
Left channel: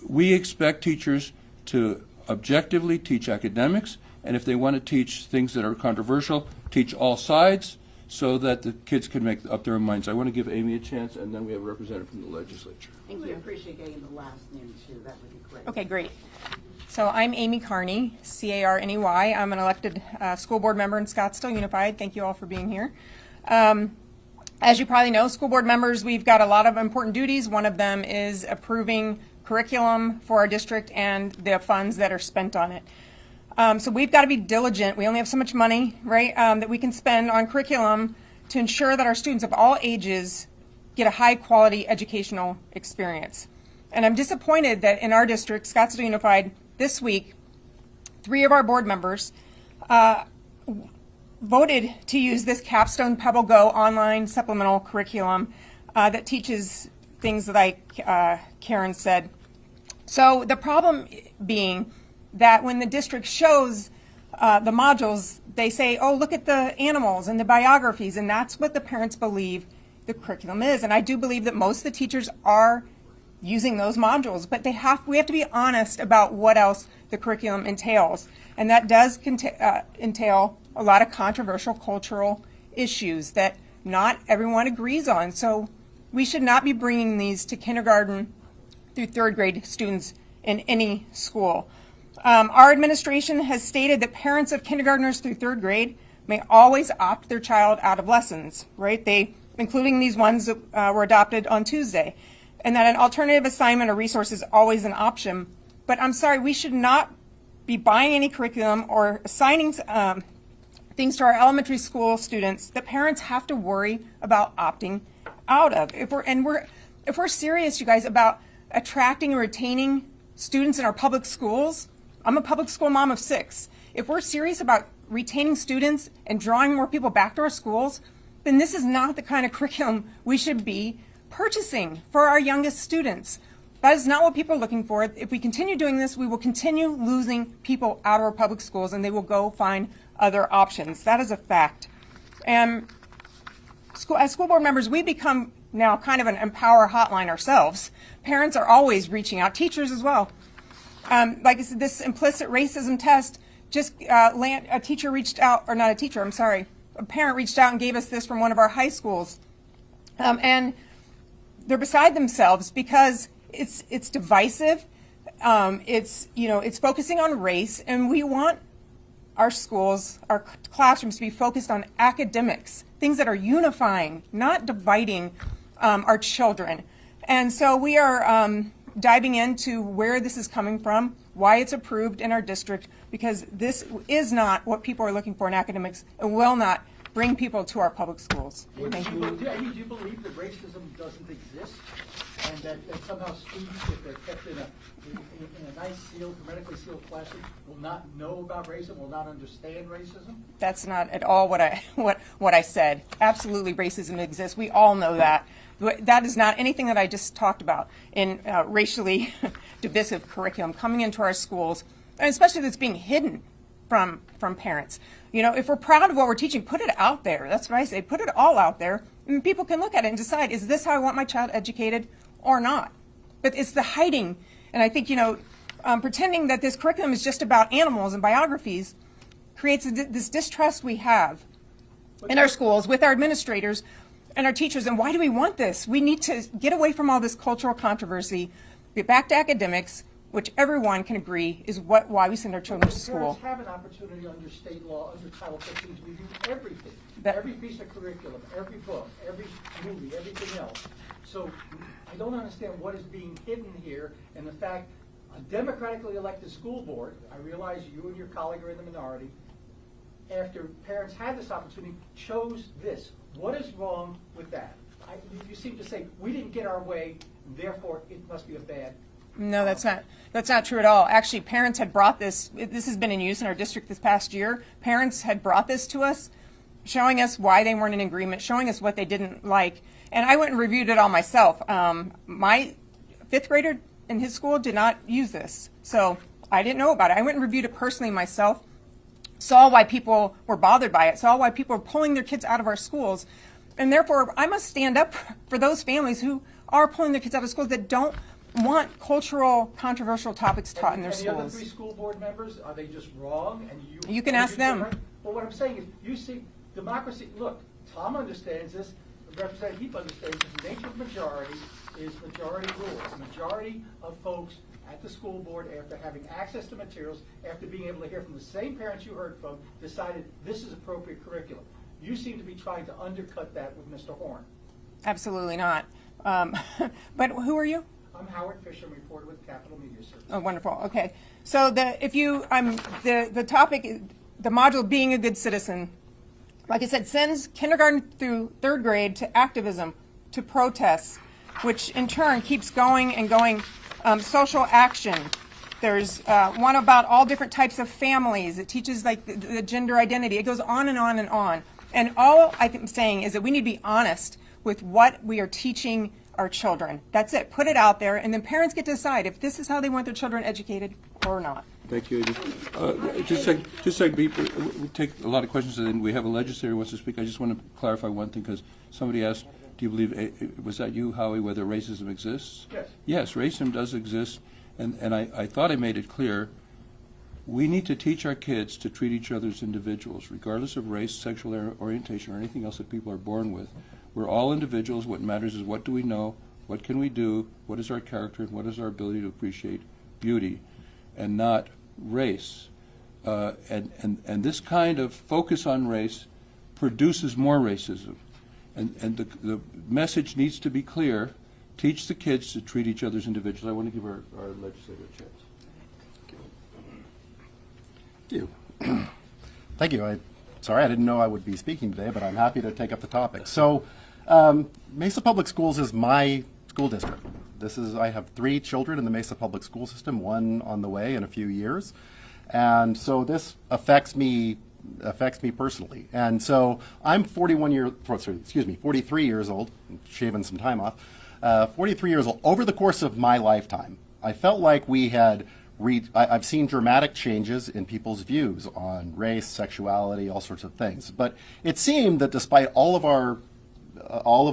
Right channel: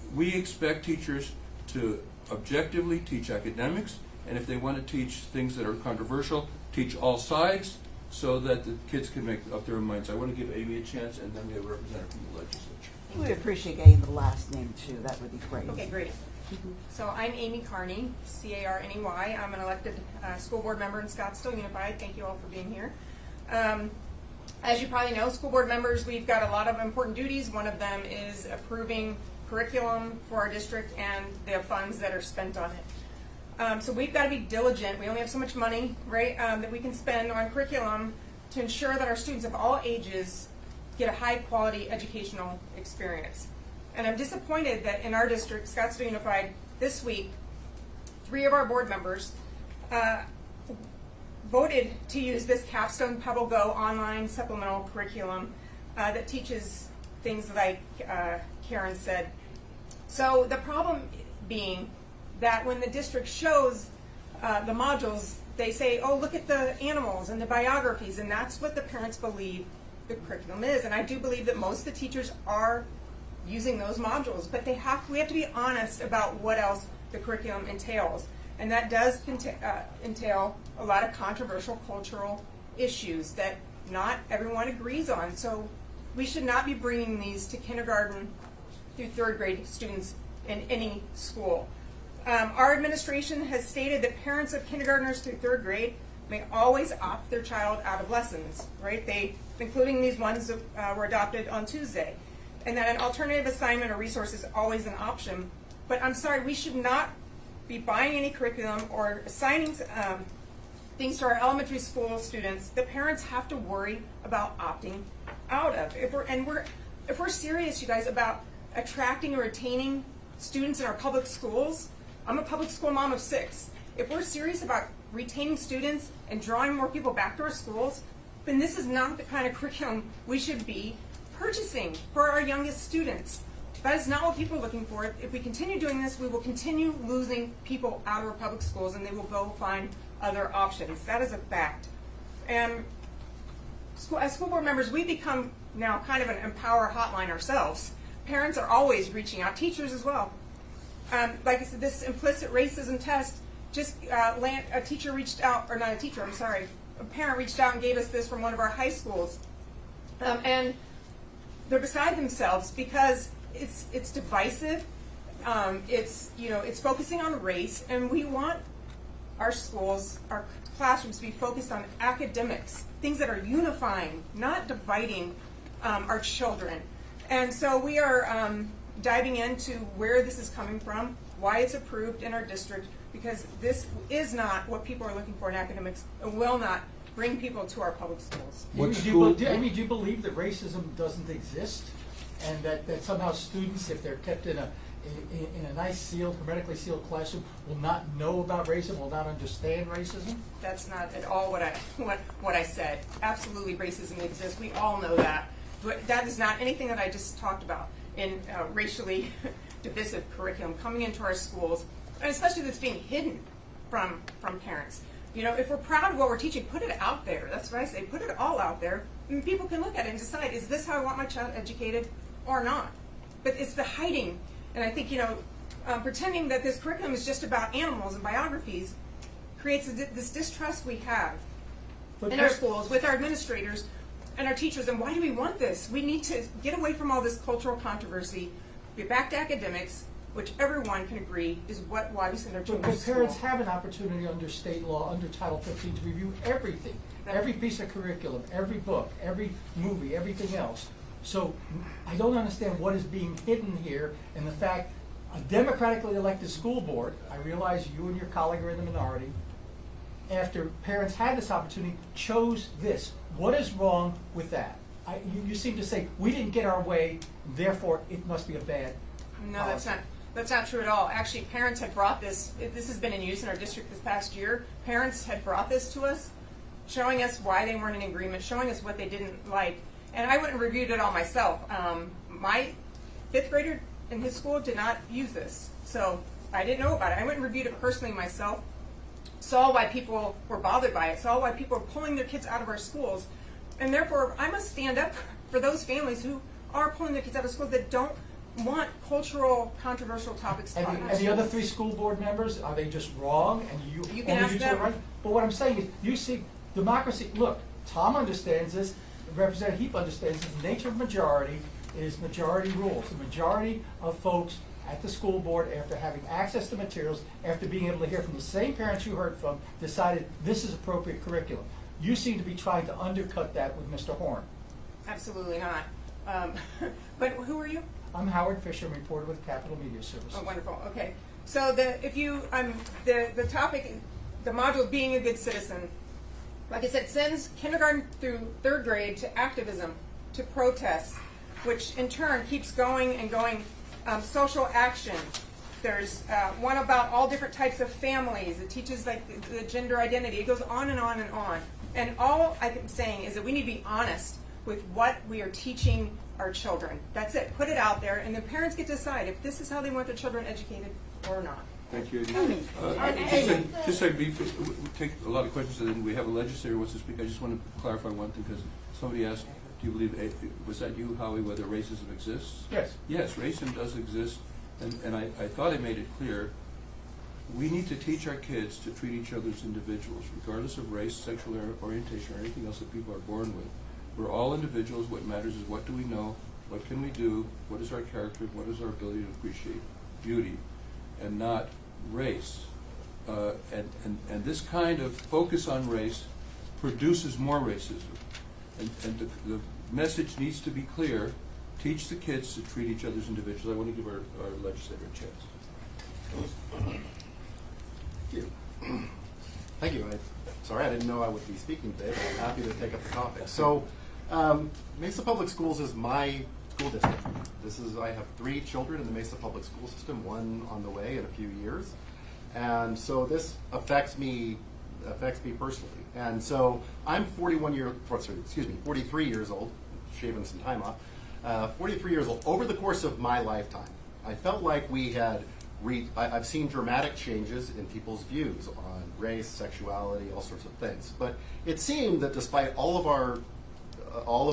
We expect teachers to objectively teach academics, and if they want to teach things that are controversial, teach all sides so that the kids can make up their own minds. I want to give Amy a chance, and then we have a representative from the legislature. We'd appreciate getting the last name too, that would be great. Okay, great. So I'm Amy Carney, C-A-R-N-E-Y. I'm an elected school board member in Scottsdale Unified. Thank you all for being here. As you probably know, school board members, we've got a lot of important duties. One of them is approving curriculum for our district and the funds that are spent on it. So we've got to be diligent. We only have so much money, right, that we can spend on curriculum to ensure that our students of all ages get a high quality educational experience. And I'm disappointed that in our district, Scottsdale Unified, this week, 3 of our board members voted to use this Capstone Pebble Go online supplemental curriculum that teaches things like Karen said. So the problem being that when the district shows the modules, they say, oh, look at the animals and the biographies, and that's what the parents believe the curriculum is. And I do believe that most of the teachers are using those modules, but we have to be honest about what else the curriculum entails. And that does entail a lot of controversial cultural issues that not everyone agrees on. So we should not be bringing these to kindergarten through third grade students in any school. Our administration has stated that parents of kindergartners through third grade may always opt their child out of lessons, right? Including these ones that were adopted on Tuesday. And that an alternative assignment or resource is always an option. But I'm sorry, we should not be buying any curriculum or assigning things to our elementary school students that parents have to worry about opting out of. If we're serious, you guys, about attracting and retaining students in our public schools, I'm a public school mom of 6. If we're serious about retaining students and drawing more people back to our schools, then this is not the kind of curriculum we should be purchasing for our youngest students. That is not what people are looking for. If we continue doing this, we will continue losing people out of our public schools, and they will go find other options. That is a fact. And as school board members, we become now kind of an Empower Hotline ourselves. Parents are always reaching out, teachers as well. Like I said, this implicit racism test, just a teacher reached out, or not a teacher, I'm sorry, a parent reached out and gave us this from one of our high schools. And they're beside themselves because it's divisive. It's focusing on race, and we want our schools, our classrooms to be focused on academics, things that are unifying, not dividing our children. And so we are diving into where this is coming from, why it's approved in our district, because this is not what people are looking for in academics and will not bring people to our public schools. What Do school? do you believe that racism doesn't exist, and that somehow students, if they're kept in a nice sealed, hermetically sealed classroom, will not know about racism, will not understand racism? That's not at all what I said. Absolutely, racism exists. We all know that. But that is not anything that I just talked about in racially divisive curriculum coming into our schools, and especially that's being hidden from parents. You know, if we're proud of what we're teaching, put it out there. That's what I say. Put it all out there, and people can look at it and decide, is this how I want my child educated or not? But it's the hiding, and I think, you know, pretending that this curriculum is just about animals and biographies creates this distrust we have in our schools with our administrators and our teachers. And why do we want this? We need to get away from all this cultural controversy, get back to academics, which everyone can agree is why we send our children to But school. parents have an opportunity under state law, under Title 15, to review everything, every piece of curriculum, every book, every movie, everything else. So I don't understand what is being hidden here in the fact a democratically elected school board, I realize you and your colleague are in the minority, after parents had this opportunity, chose this. What is wrong with that? You seem to say, we didn't get our way, therefore it must be a bad No, that's not true at all. Actually, parents had brought this has been in use in our district this past year. Parents had brought this to us, showing us why they weren't in agreement, showing us what they didn't like. And I went and reviewed it all myself. My 5th grader in his school did not use this, so I didn't know about it. I went and reviewed it personally myself, saw why people were bothered by it, saw why people were pulling their kids out of our schools. And therefore, I must stand up for those families who are pulling their kids out of schools that don't want cultural, controversial topics taught in their And the schools. other 3 school board members, are they just wrong? And You can ask them. But what I'm saying is, you see, democracy, look, Tom understands this, Representative Heap understands this, the nature of majority is majority rules. The majority of folks at the school board, after having access to materials, after being able to hear from the same parents you heard from, decided this is appropriate curriculum. You seem to be trying to undercut that with Mr. Horne. Absolutely not. But who are you? I'm Howard Fisher, I'm reporter with Capital Media Service. Oh, wonderful. Okay. So the topic, the module being a good citizen, like I said, sends kindergarten through 3rd grade to activism, to protests, which in turn keeps going and going. Social action. There's one about all different types of families. It teaches like the gender identity. It goes on and on and on. And all I'm saying is that we need to be honest with what we are teaching our children. That's it. Put it out there, and then parents get to decide if this is how they want their children educated or not. Thank you. Just like we take a lot of questions, and then we have a legislator who wants to speak. I just want to clarify one thing, because somebody asked, do you believe, was that you, Howie, whether racism exists? Yes. Yes, racism does exist, and I thought I made it clear. We need to teach our kids to treat each other as individuals, regardless of race, sexual orientation, or anything else that people are born with. We're all individuals. What matters is what do we know, what can we do, what is our character, what is our ability to appreciate beauty, and not race. And this kind of focus on race produces more racism. And the message needs to be clear. Teach the kids to treat each other as individuals. I want to give our legislator a chance. Thank you. Thank you. Sorry, I didn't know I would be speaking today, but I'm happy to take up the topic. So, Mesa Public Schools is my school district. I have 3 children in the Mesa Public School System, 1 on the way in a few years. And so this affects me personally. And so I'm 43 years old, shaving some time off, 43 years old. Over the course of my lifetime, I felt like I've seen dramatic changes in people's views on race, sexuality, all sorts of things. But it seemed that despite all of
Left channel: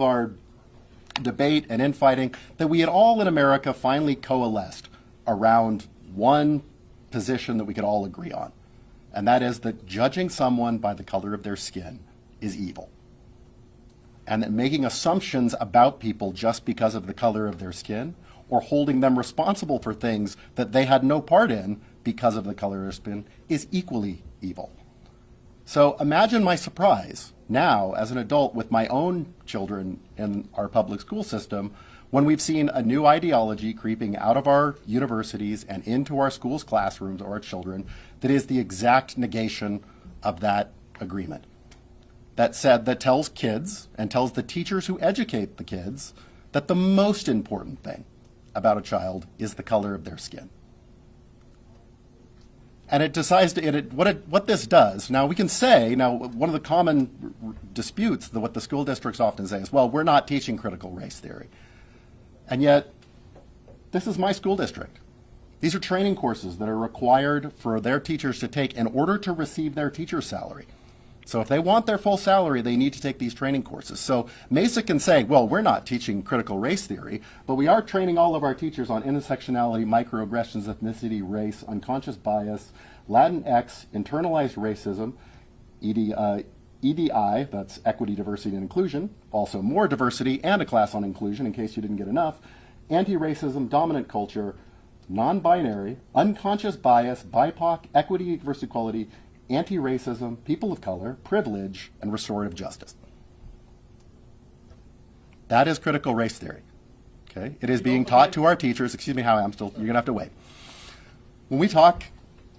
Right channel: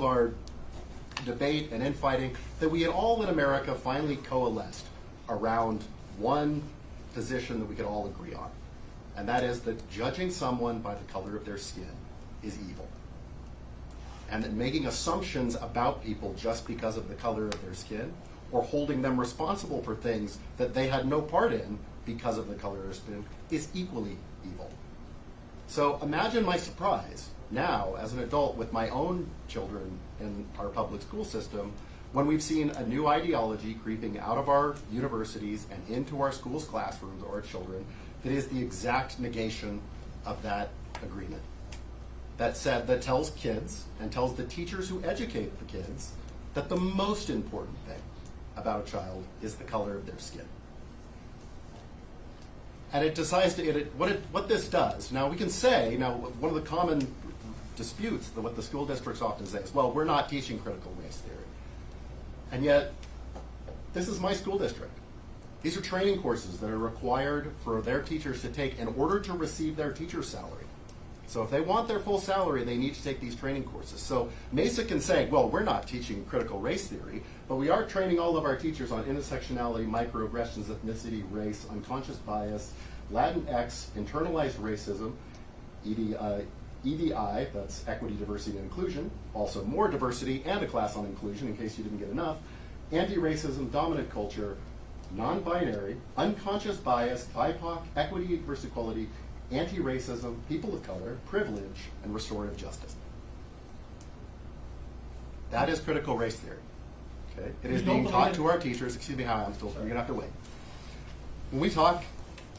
our debate and infighting, that we had all in America finally coalesced around one position that we could all agree on. And that is that judging someone by the color of their skin is evil. And that making assumptions about people just because of the color of their skin, or holding them responsible for things that they had no part in, because of the color of their skin is equally evil. So imagine my surprise now as an adult with my own children in our public school system when we've seen a new ideology creeping out of our universities and into our schools' classrooms or our children that is the exact negation of that agreement. That tells kids and tells the teachers who educate the kids that the most important thing about a child is the color of their skin. And it decides to, what this does, now we can say, one of the common disputes that what the school districts often say is, well, we're not teaching critical race theory. And yet, this is my school district. These are training courses that are required for their teachers to take in order to receive their teacher's salary. So if they want their full salary, they need to take these training courses. So Mesa can say, well, we're not teaching critical race theory, but we are training all of our teachers on intersectionality, microaggressions, ethnicity, race, unconscious bias, Latinx, internalized racism, EDI, that's equity, diversity, and inclusion, also more diversity and a class on inclusion in case you didn't get enough, anti-racism, dominant culture, non-binary, unconscious bias, BIPOC, equity, diversity, equality, anti-racism, people of color, privilege, and restorative justice. That is critical race theory. Okay? It is being taught to our teachers. Excuse me, Howie, you're going to have to wait. When we talk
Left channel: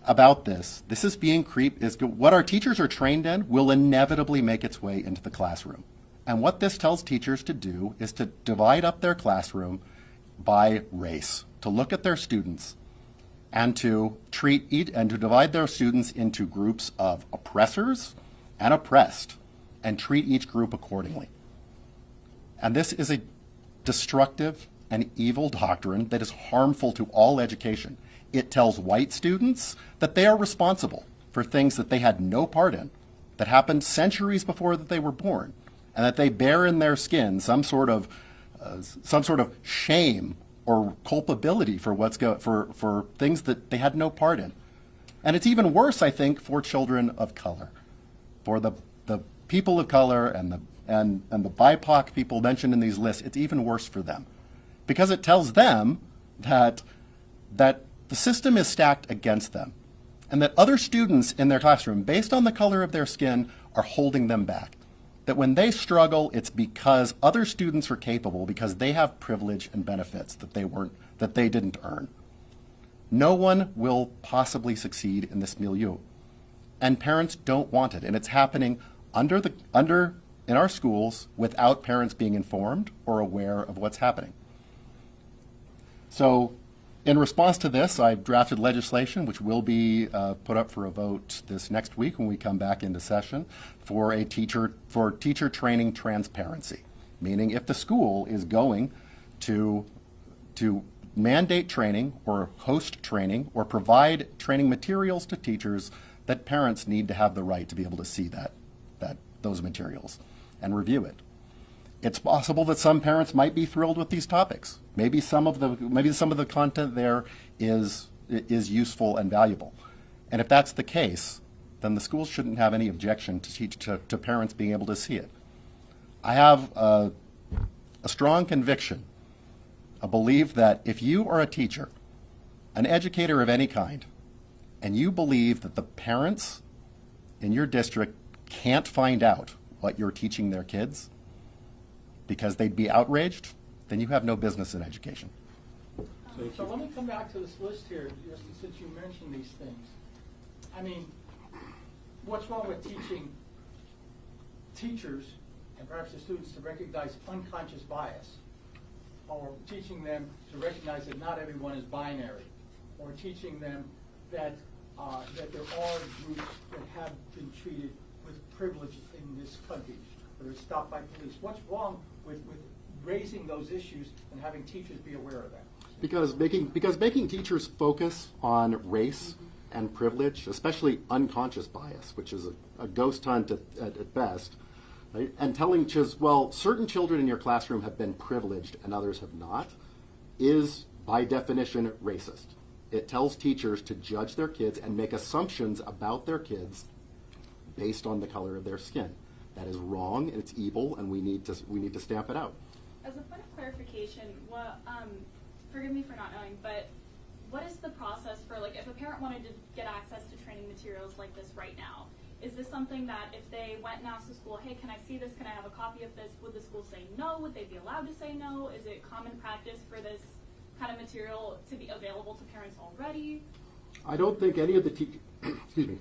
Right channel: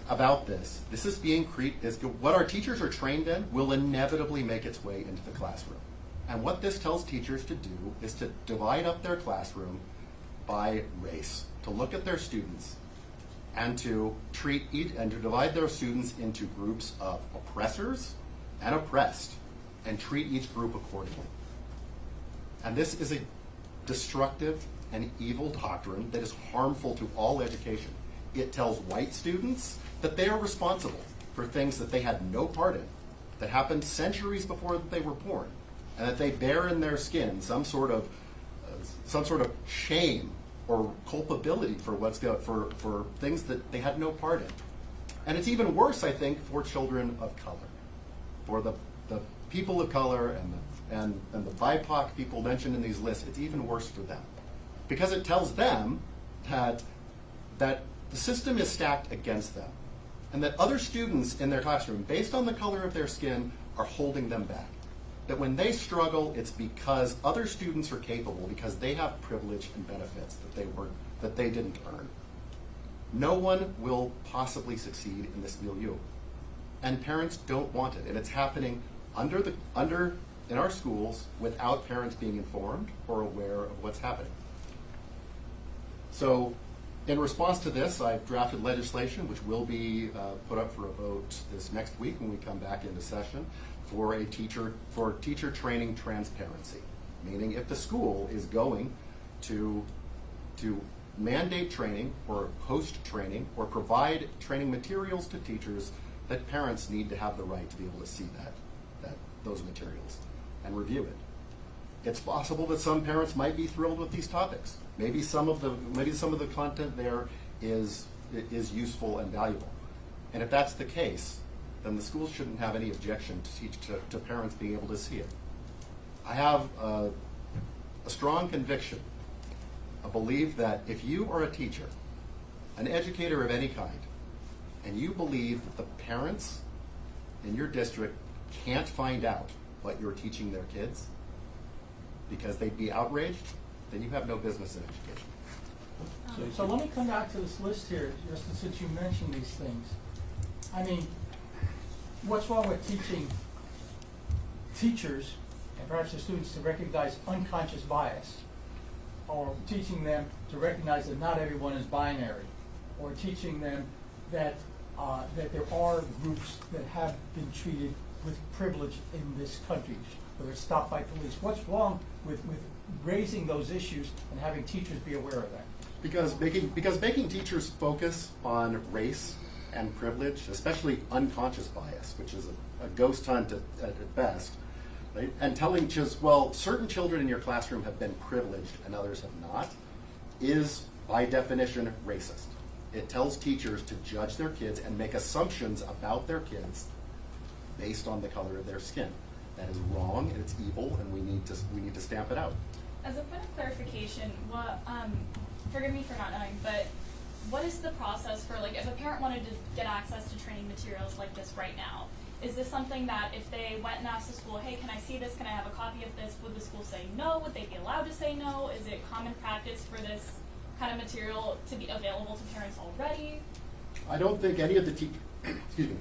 about this is being what our teachers are trained in will inevitably make its way into the classroom. And what this tells teachers to do is to divide up their classroom by race, to look at their students and to divide their students into groups of oppressors and oppressed and treat each group accordingly. And this is a destructive and evil doctrine that is harmful to all education. It tells white students that they are responsible for things that they had no part in, that happened centuries before that they were born, and that they bear in their skin some sort of shame or culpability for for things that they had no part in. And it's even worse, I think, for children of color, for the people of color and the BIPOC people mentioned in these lists. It's even worse for them, because it tells them that the system is stacked against them, and that other students in their classroom, based on the color of their skin, are holding them back. That when they struggle, it's because other students are capable, because they have privilege and benefits that they didn't earn. No one will possibly succeed in this milieu, and parents don't want it. And it's happening in our schools without parents being informed or aware of what's happening. So, in response to this, I drafted legislation which will be put up for a vote this next week when we come back into session for teacher training transparency. Meaning, if the school is going to mandate training or host training or provide training materials to teachers, that parents need to have the right to be able to see those materials and review it. It's possible that some parents might be thrilled with these topics. Maybe some of the content there is useful and valuable. And if that's the case, then the schools shouldn't have any objection to parents being able to see it. I have a strong conviction, a belief that if you are a teacher, an educator of any kind, and you believe that the parents in your district can't find out what you're teaching their kids because they'd be outraged, then you have no business in education. So let me come back to this list here, just since you mentioned these things. I mean, what's wrong with teaching teachers and perhaps the students to recognize unconscious bias, or teaching them to recognize that not everyone is binary, or teaching them that there are groups that have been treated with privilege in this country, whether it's stopped by police? What's wrong with raising those issues and having teachers be aware of that? Because making teachers focus on race and privilege, especially unconscious bias, which is a ghost hunt at best, right? And telling just, well, certain children in your classroom have been privileged and others have not, is by definition racist. It tells teachers to judge their kids and make assumptions about their kids based on the color of their skin. That is wrong, and it's evil, and we need to stamp it out. As a point of clarification, forgive me for not knowing, but what is the process for, like, if a parent wanted to get access to training materials like this right now? Is this something that if they went and asked the school, hey, can I see this, can I have a copy of this, would the school say no? Would they be allowed to say no? Is it common practice for this kind of material to be available to parents already? I don't think any of the excuse me,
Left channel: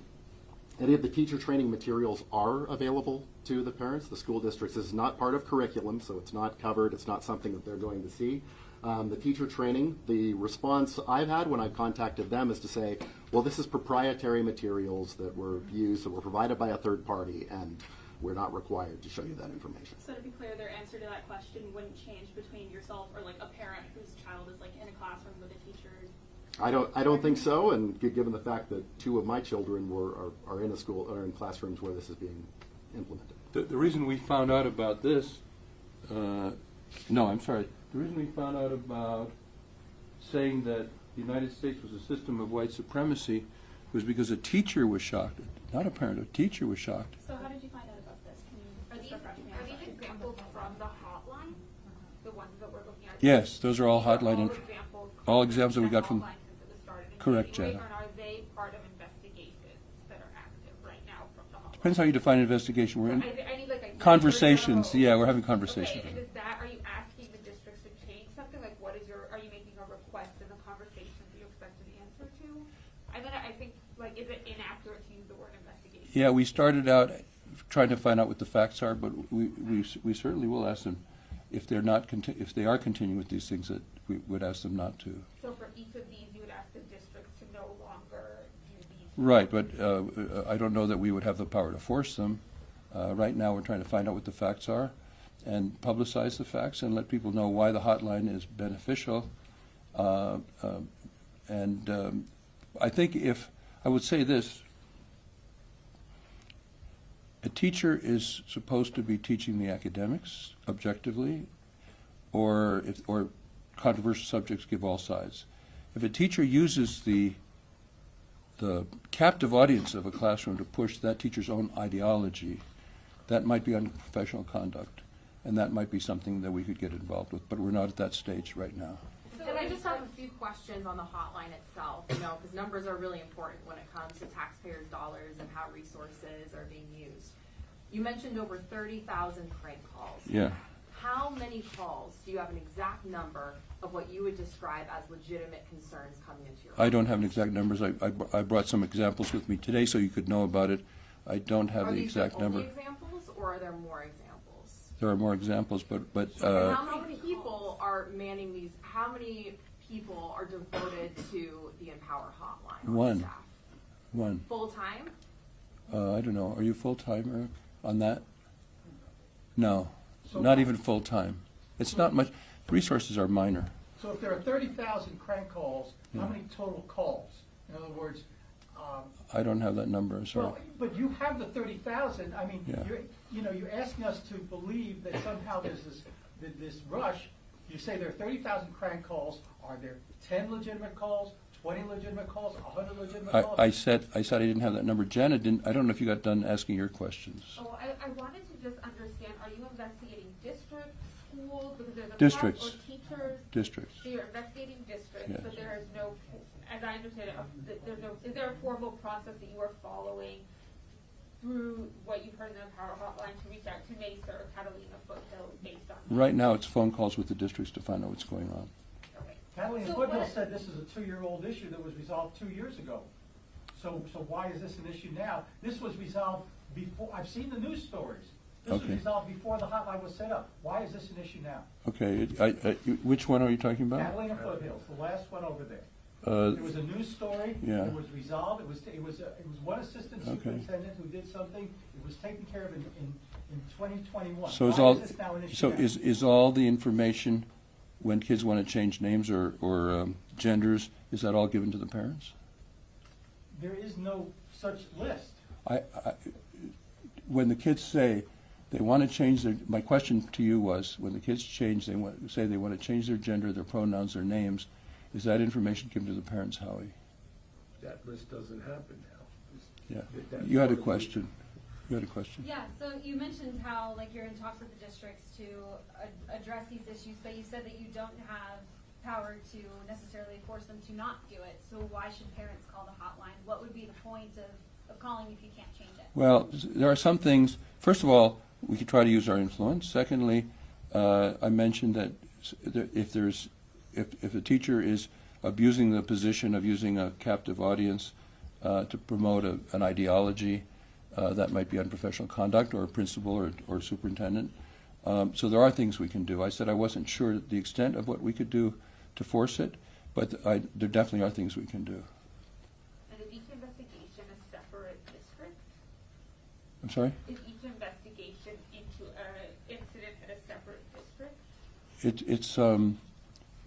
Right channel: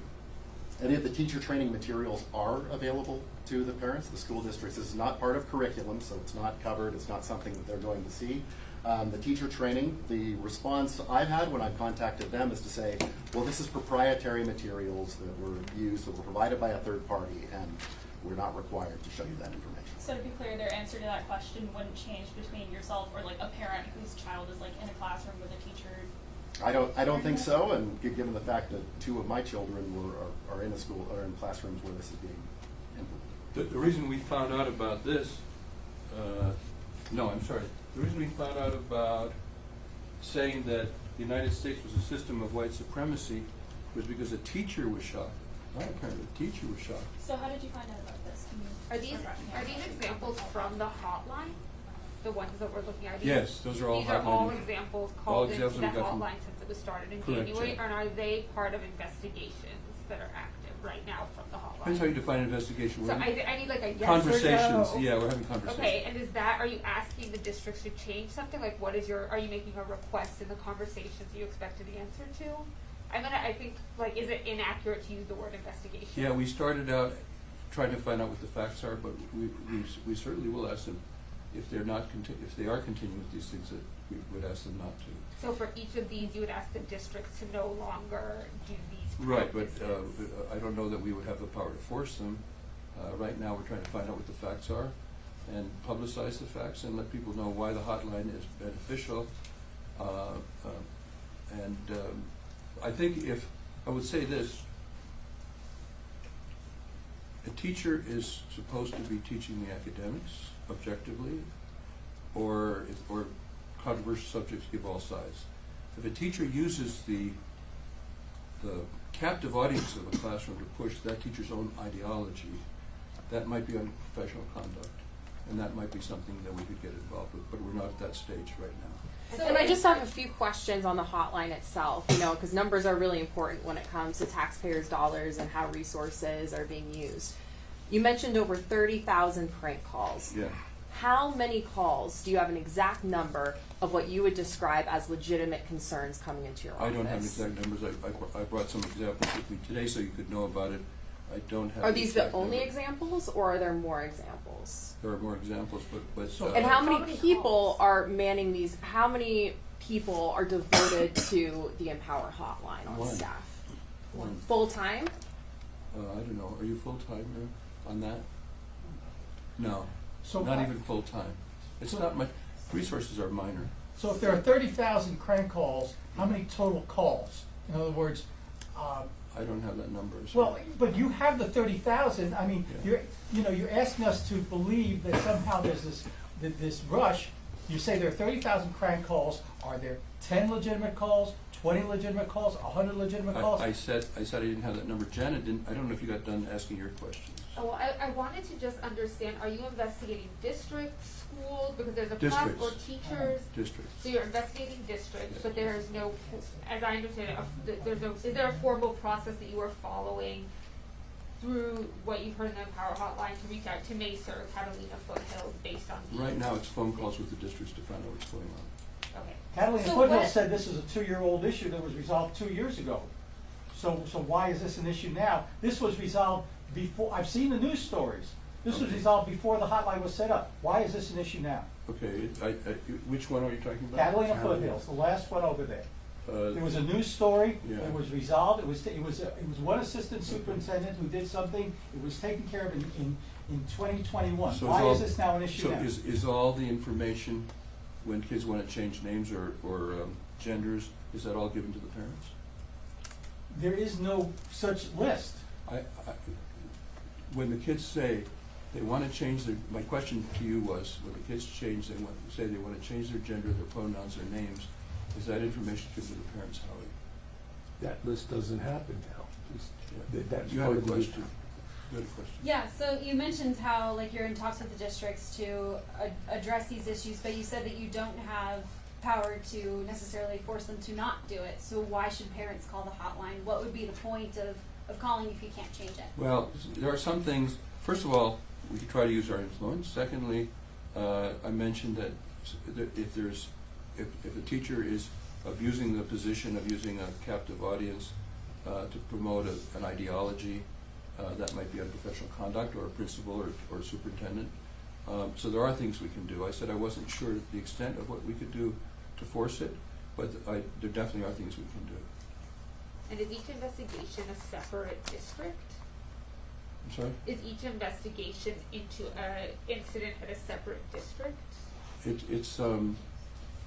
any of the teacher training materials are available to the parents. The school districts is not part of curriculum, so it's not covered. It's not something that they're going to see. The teacher training, the response I've had when I've contacted them is to say, well, this is proprietary materials that were used, that were provided by a third party, and we're not required to show you that information. So to be clear, their answer to that question wouldn't change between yourself or like a parent whose child is like in a classroom with a teacher? I don't think so, and given the fact that 2 of my children are in a school or in classrooms where this is being implemented. The reason we found out about this, the reason we found out about saying that the United States was a system of white supremacy was because a teacher was shocked. Not a parent, a teacher was shocked. So how did you find out about this? Can you Are these examples from the hotline? The ones that we're looking at? Yes, those are all These are hotline. all examples All called examples that we the got from. hotline since it was started in Correct, January, Jen. and are they part of investigations that are active right now from the hotline? Depends how you define investigation. So We're in I need like a yes conversations. or no. Yeah, we're having conversations. Okay, and is that, are you asking the districts to change something? Like what is are you making a request in the conversations you expected the answer to? I think, like, is it inaccurate to use the word investigation? Yeah, we started out trying to find out what the facts are, but we certainly will ask them if they're not if they are continuing with these things, that we would ask them not to. So for each of these, you would ask the districts to no longer do these Right, but practices? I don't know that we would have the power to force them. Right now, we're trying to find out what the facts are and publicize the facts and let people know why the hotline is beneficial. I think if, I would say this, a teacher is supposed to be teaching the academics objectively, or controversial subjects give all sides. If a teacher uses the captive audience of a classroom to push that teacher's own ideology, that might be unprofessional conduct, and that might be something that we could get involved with, but we're not at that stage right now. So, and I just have a few questions on the hotline itself, because numbers are really important when it comes to taxpayers' dollars and how resources are being used. You mentioned over 30,000 prank calls. Yeah. How many calls, do you have an exact number of what you would describe as legitimate concerns coming into your office? I don't have an exact numbers. I brought some examples with me today so you could know about it. I don't have Are the these the exact number. only exampons, or are there more examples? There are more examples, but And how many people are manning these? How many people are devoted to the Empower Hotline on One. staff? one. Full time? I don't know. Are you full-timer on that? No, So not even full-time. It's not much. Resources are minor. So if there are 30,000 crank calls, how many total calls? In other words, I don't have that number, sorry. well, but you have the 30,000. I mean, Yeah. you're asking us to believe that somehow there's this rush. You say there are 30,000 crank calls. Are there 10 legitimate calls, 20 legitimate calls, 100 legitimate calls? I said I didn't have that number. Janet didn't. I don't know if you got done asking your questions. Oh, I wanted to just understand, are you investigating districts, schools, because there's a Districts. or teachers? Districts. So you're investigating districts, Yes. but there is no, as I understand it, is there a formal process that you are following through what you've heard in the Empower Hotline to reach out to Mesa or Catalina Foothills based on? Right now, it's phone calls with the districts to find out what's going on. Okay. Catalina So Foothill what- said this is a 2-year-old issue that was resolved 2 years ago. So why is this an issue now? This was resolved before, I've seen the news stories. This was Okay. resolved before the hotline was set up. Why is this an issue now? Okay. Which one are you talking about? Catalina Foothills, the last one over there. There was a news story, Yeah. it was resolved, it was one assistant Okay. superintendent who did something, it was taken care of in 2021. So Why is this now an issue so now? is all the information when kids want to change names or genders, is that all given to the parents? There is no such list. When the kids say they want to change my question to you was, when the kids say they want to change their gender, their pronouns, their names, is that information given to the parents, Howie? That list doesn't happen now. Yeah. That's You had part a of the- question. You had a question. Yeah, so you mentioned how, like, you're in talks with the districts to address these issues, but you said that you don't have power to necessarily force them to not do it, so why should parents call the hotline? What would be the point of calling if you can't change it? Well, there are some things, first of all, we could try to use our influence. Secondly, I mentioned that if a teacher is abusing the position of using a captive audience to promote an ideology, that might be unprofessional conduct, or a principal or superintendent. So there are things we can do. I said I wasn't sure the extent of what we could do to force it, but there definitely are things we can do. And is each investigation a separate district? I'm sorry? Is each investigation into an incident at a separate district?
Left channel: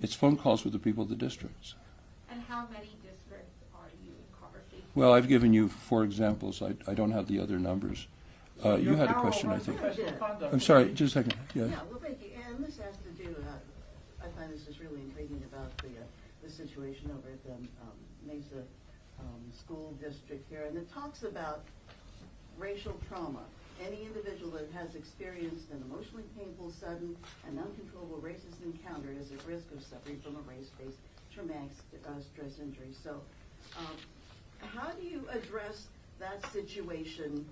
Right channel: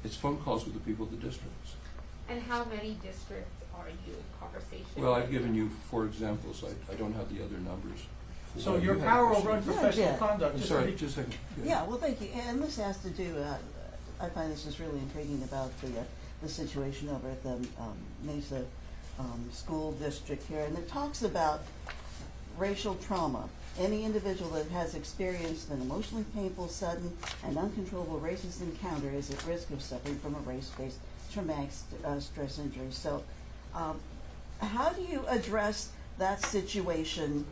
It's phone calls with the people of the districts. And how many districts are you in conversation? Well, I've given you 4 examples. I don't have the other numbers. So You your had a power question, over I think. unprofessional Yeah. conduct. I'm is sorry, pretty- just a second. Yeah, well, thank you. And this has to do, I find this is really intriguing about the situation over at the Mesa School District here. And it talks about racial trauma. Any individual that has experienced an emotionally painful, sudden, and uncontrollable racist encounter is at risk of suffering from a race-based traumatic stress injury. So how do you address that situation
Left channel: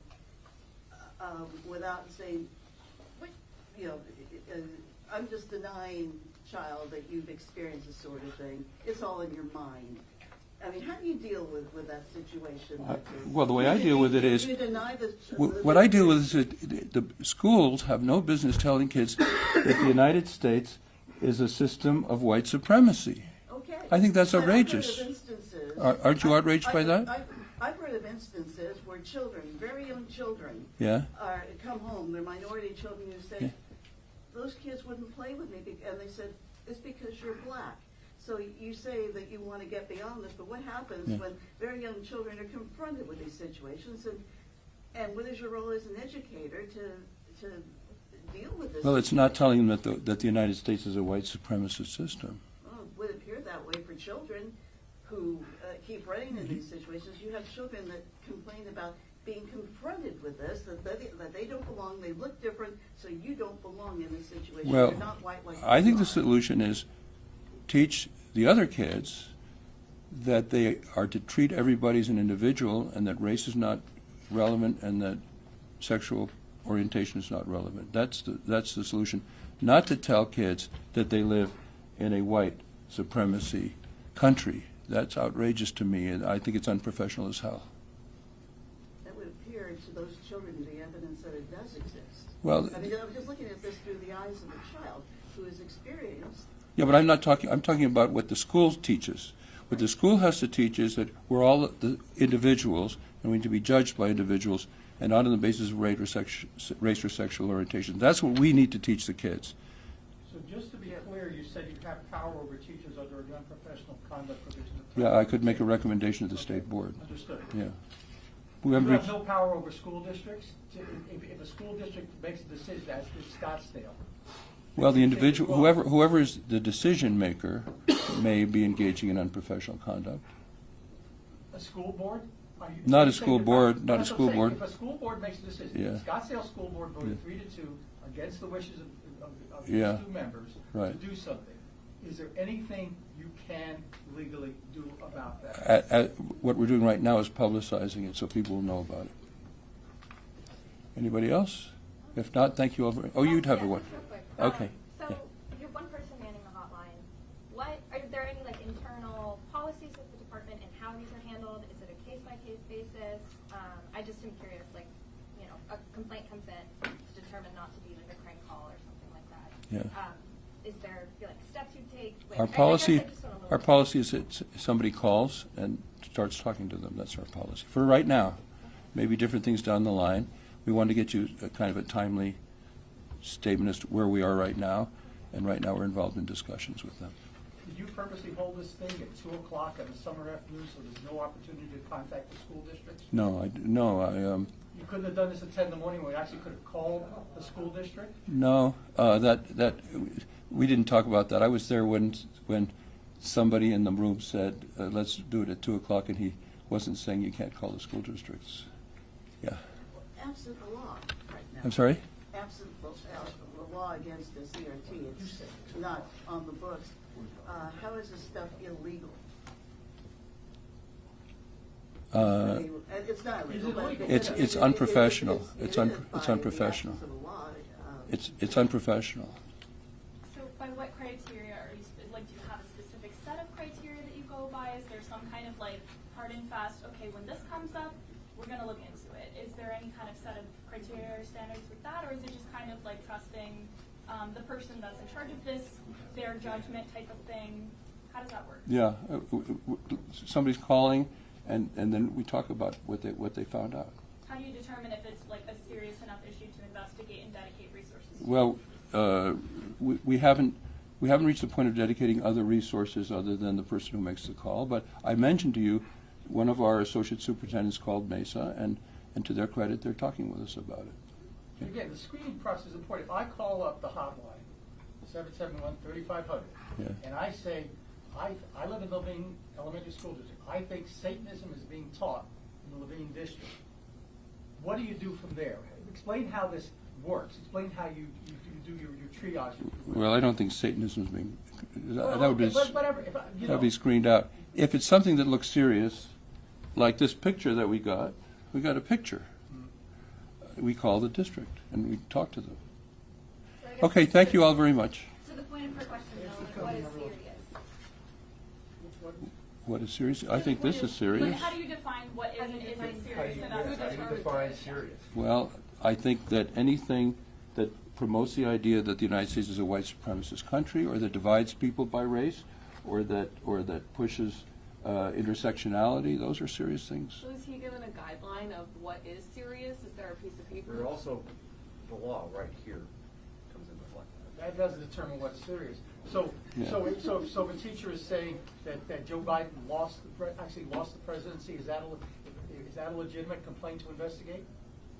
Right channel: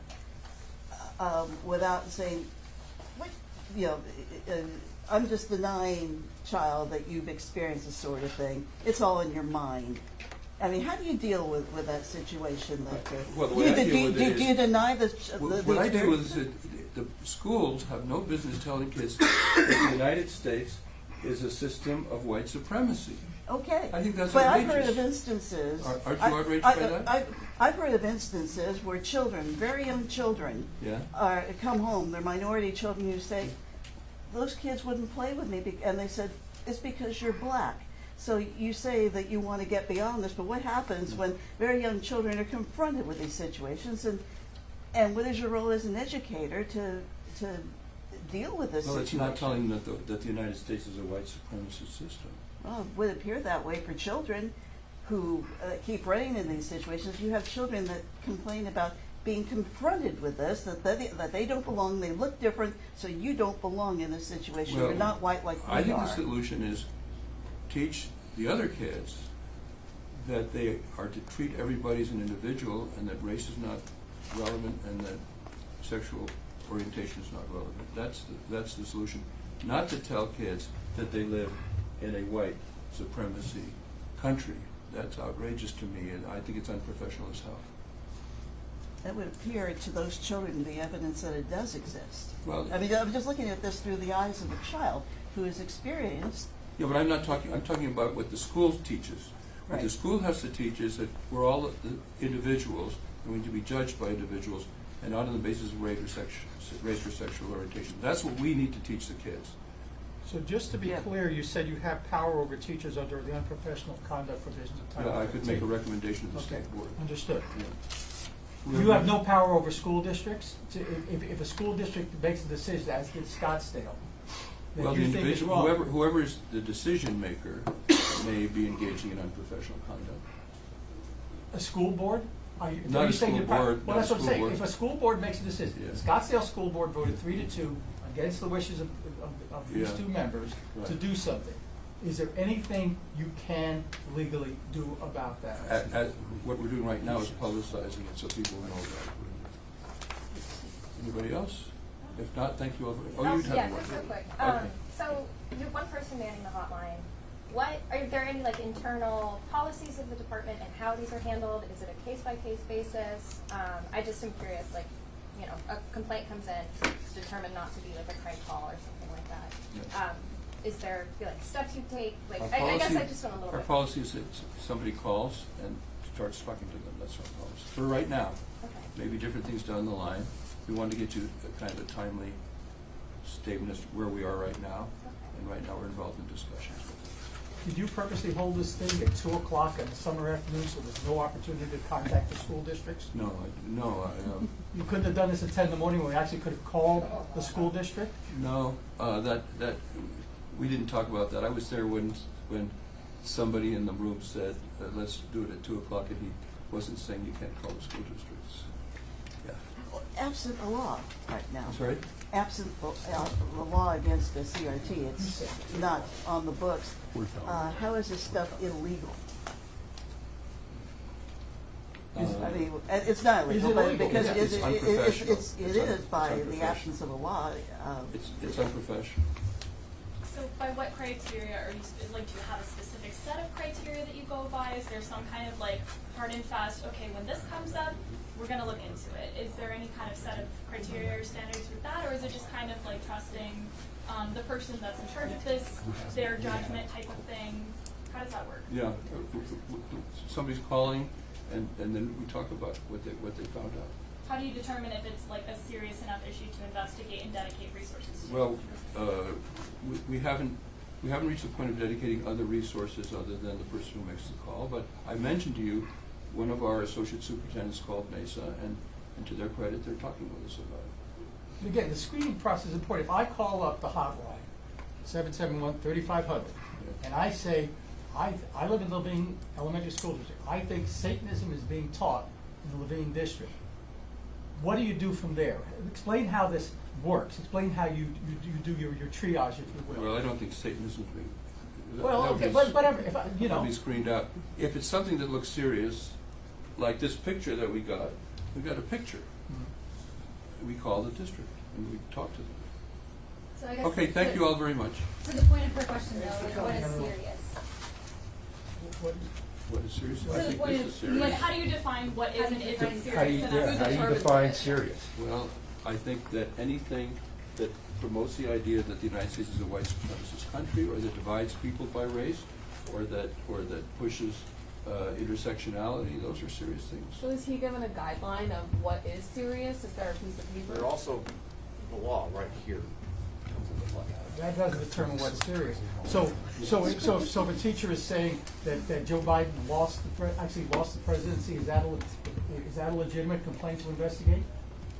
without saying, what, you know, I'm just denying, child, that you've experienced this sort of thing. It's all in your mind. I mean, how do you deal with that situation? Well, the way I deal with it is, do you deny the what I deal with is that the schools have no business telling kids that the United States is a system of white supremacy. Okay. I think that's But outrageous. I've heard of instances. Aren't you outraged by that? I've heard of instances where children, very young children, Yeah. come home. They're minority children. You say, those kids wouldn't play with me, and they said, it's because you're black. So you say that you want to get beyond this, but what happens when very young children are confronted with these situations, and what is your role as an educator to deal with this? Well, it's not telling them that the United States is a white supremacist system. Well, it would appear that way for children who keep running in these situations. You have children that complain about being confronted with this, that they don't belong, they look different, so you don't belong in this situation. Well, You're not white like I you think are. the solution is teach the other kids that they are to treat everybody as an individual, and that race is not relevant, and that sexual orientation is not relevant. That's the solution. Not to tell kids that they live in a white supremacy country. That's outrageous to me, and I think it's unprofessional as hell. That would appear to those children the evidence that it does exist. Well, I mean, I'm just looking at this through the eyes of a child who has experienced. yeah, but I'm talking about what the school teaches. What the Right. school has to teach is that we're all the individuals, and we need to be judged by individuals, and not on the basis of race or sexual orientation. That's what we need to teach the kids. So just to be Yeah. clear, you said you have power over teachers under the unprofessional conduct provisions of Title Yeah, I could make a 15. recommendation to the state board. Understood. Yeah. You have no power over school districts? If a school district makes a decision, as did Scottsdale. that Well, the you think is individual, wrong, whoever is the decision maker may be engaging in unprofessional conduct. A school board? Not Are you a saying school your board, power- not a that's what I'm school saying. board. If a school board makes a decision, Yeah. Scottsdale School Board voted 3-2 against the wishes of Yeah. these two members to Right. do something. Is there anything you can legally do about that? What we're doing right now is publicizing it so people will know about it. Anybody else? If not, thank you all very, oh, you'd have yeah, a word. just real quick. Okay. So you have one person manning the hotline. Are there any like internal policies of the department and how these are handled? Is it a case-by-case basis? I just am curious, like, you know, a complaint comes in, it's determined not to be like a crank call or something like that. Yes. Is there like steps you take? Like, Our I guess policy, I just want a little our bit. policy is that somebody calls and starts talking to them. That's our policy. For right now. Okay. Maybe different things down the line. We wanted to get you a kind of a timely statement as to where we are right now. And right now we're involved in discussions with them. Did you purposely hold this thing at 2 o'clock in the summer afternoon so there's no opportunity to contact the school districts? No, You couldn't have done this at 10 in the morning when we actually could have called the school district? we didn't talk about that. I was there when somebody in the room said, let's do it at 2 o'clock, and he wasn't saying you can't call the school districts. Yeah. Absent a law right now. I'm sorry? absent the law against the CRT, it's not on the books, how is this stuff illegal? I mean, it's not illegal, Is it but illegal? because It's unprofessional. It It's is by the unprofessional. absence of a law. It's unprofessional. So by what criteria are you, like, do you have a specific set of criteria that you go by? Is there some kind of like hard and fast, okay, when this comes up, we're gonna look into it? Is there any kind of set of criteria or standards with that, or is it just kind of like trusting the person that's in charge of this, their judgment type of thing? How does that work? Yeah, somebody's calling, and then we talk about what they found out. How do you determine if it's like a serious enough issue to investigate and dedicate resources to? Well, we haven't reached the point of dedicating other resources other than the person who makes the call. But I mentioned to you, one of our associate superintendents called Mesa, and to their credit, they're talking with us about it. And again, the screening process is important. If I call up the hotline, 771-3500, Yeah. and I say, I live in the Levine Elementary School District, I think Satanism is being taught in the Levine District. What do you do from there? Explain how this works. Explain how you do your triage. Well, I don't think Satanism is being, that Well, would be, okay, whatever, if I, you know. that'd be screened out. If it's something that looks serious, like this picture that we got a picture. We call the district and we talk to them. So I guess Okay, thank the- you all very much. So the point of her question though, like what is serious? What is serious? So I the think point this is, is serious. like, how do you define what is and isn't serious? And that's How do you determines define it. serious? Well, I think that anything that promotes the idea that the United States is a white supremacist country, or that divides people by race, or that pushes intersectionality, those are serious things. So is he given a guideline of what is serious? Is there a piece of paper? But also, the law right here comes into play. That doesn't determine what's serious. So if a teacher is saying that Joe Biden lost the presidency, is that a legitimate complaint to investigate?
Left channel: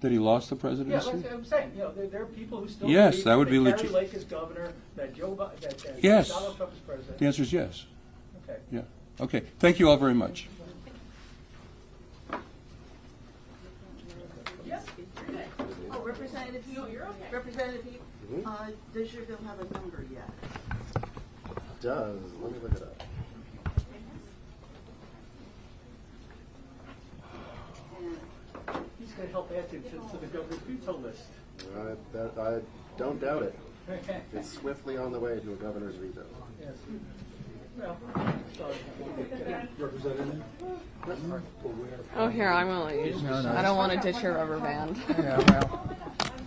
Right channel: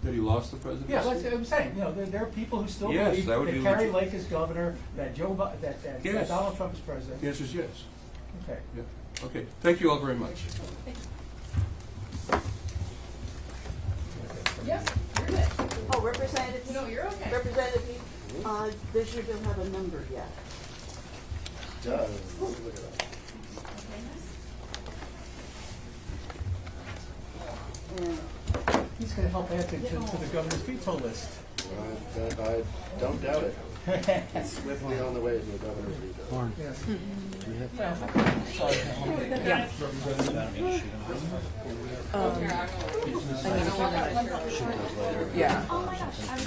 That he lost the presidency? Yeah, that's what I'm saying. You know, there are people who still Yes, believe that would be Kerry legit. Lake is governor, that that Yes. Donald Trump is president. The answer is yes. Okay. Yeah. Okay. Thank you all very much. Yep, you're good. Oh, Representative? No, you're okay. Representative, they should have a number yet. Does, look at that. And He's going to help add to the governor's veto list. I don't doubt it. It's swiftly on the way to a governor's veto. Yes. Oh, here, I'm gonna, I don't want to touch your rubber band. Oh my gosh, I was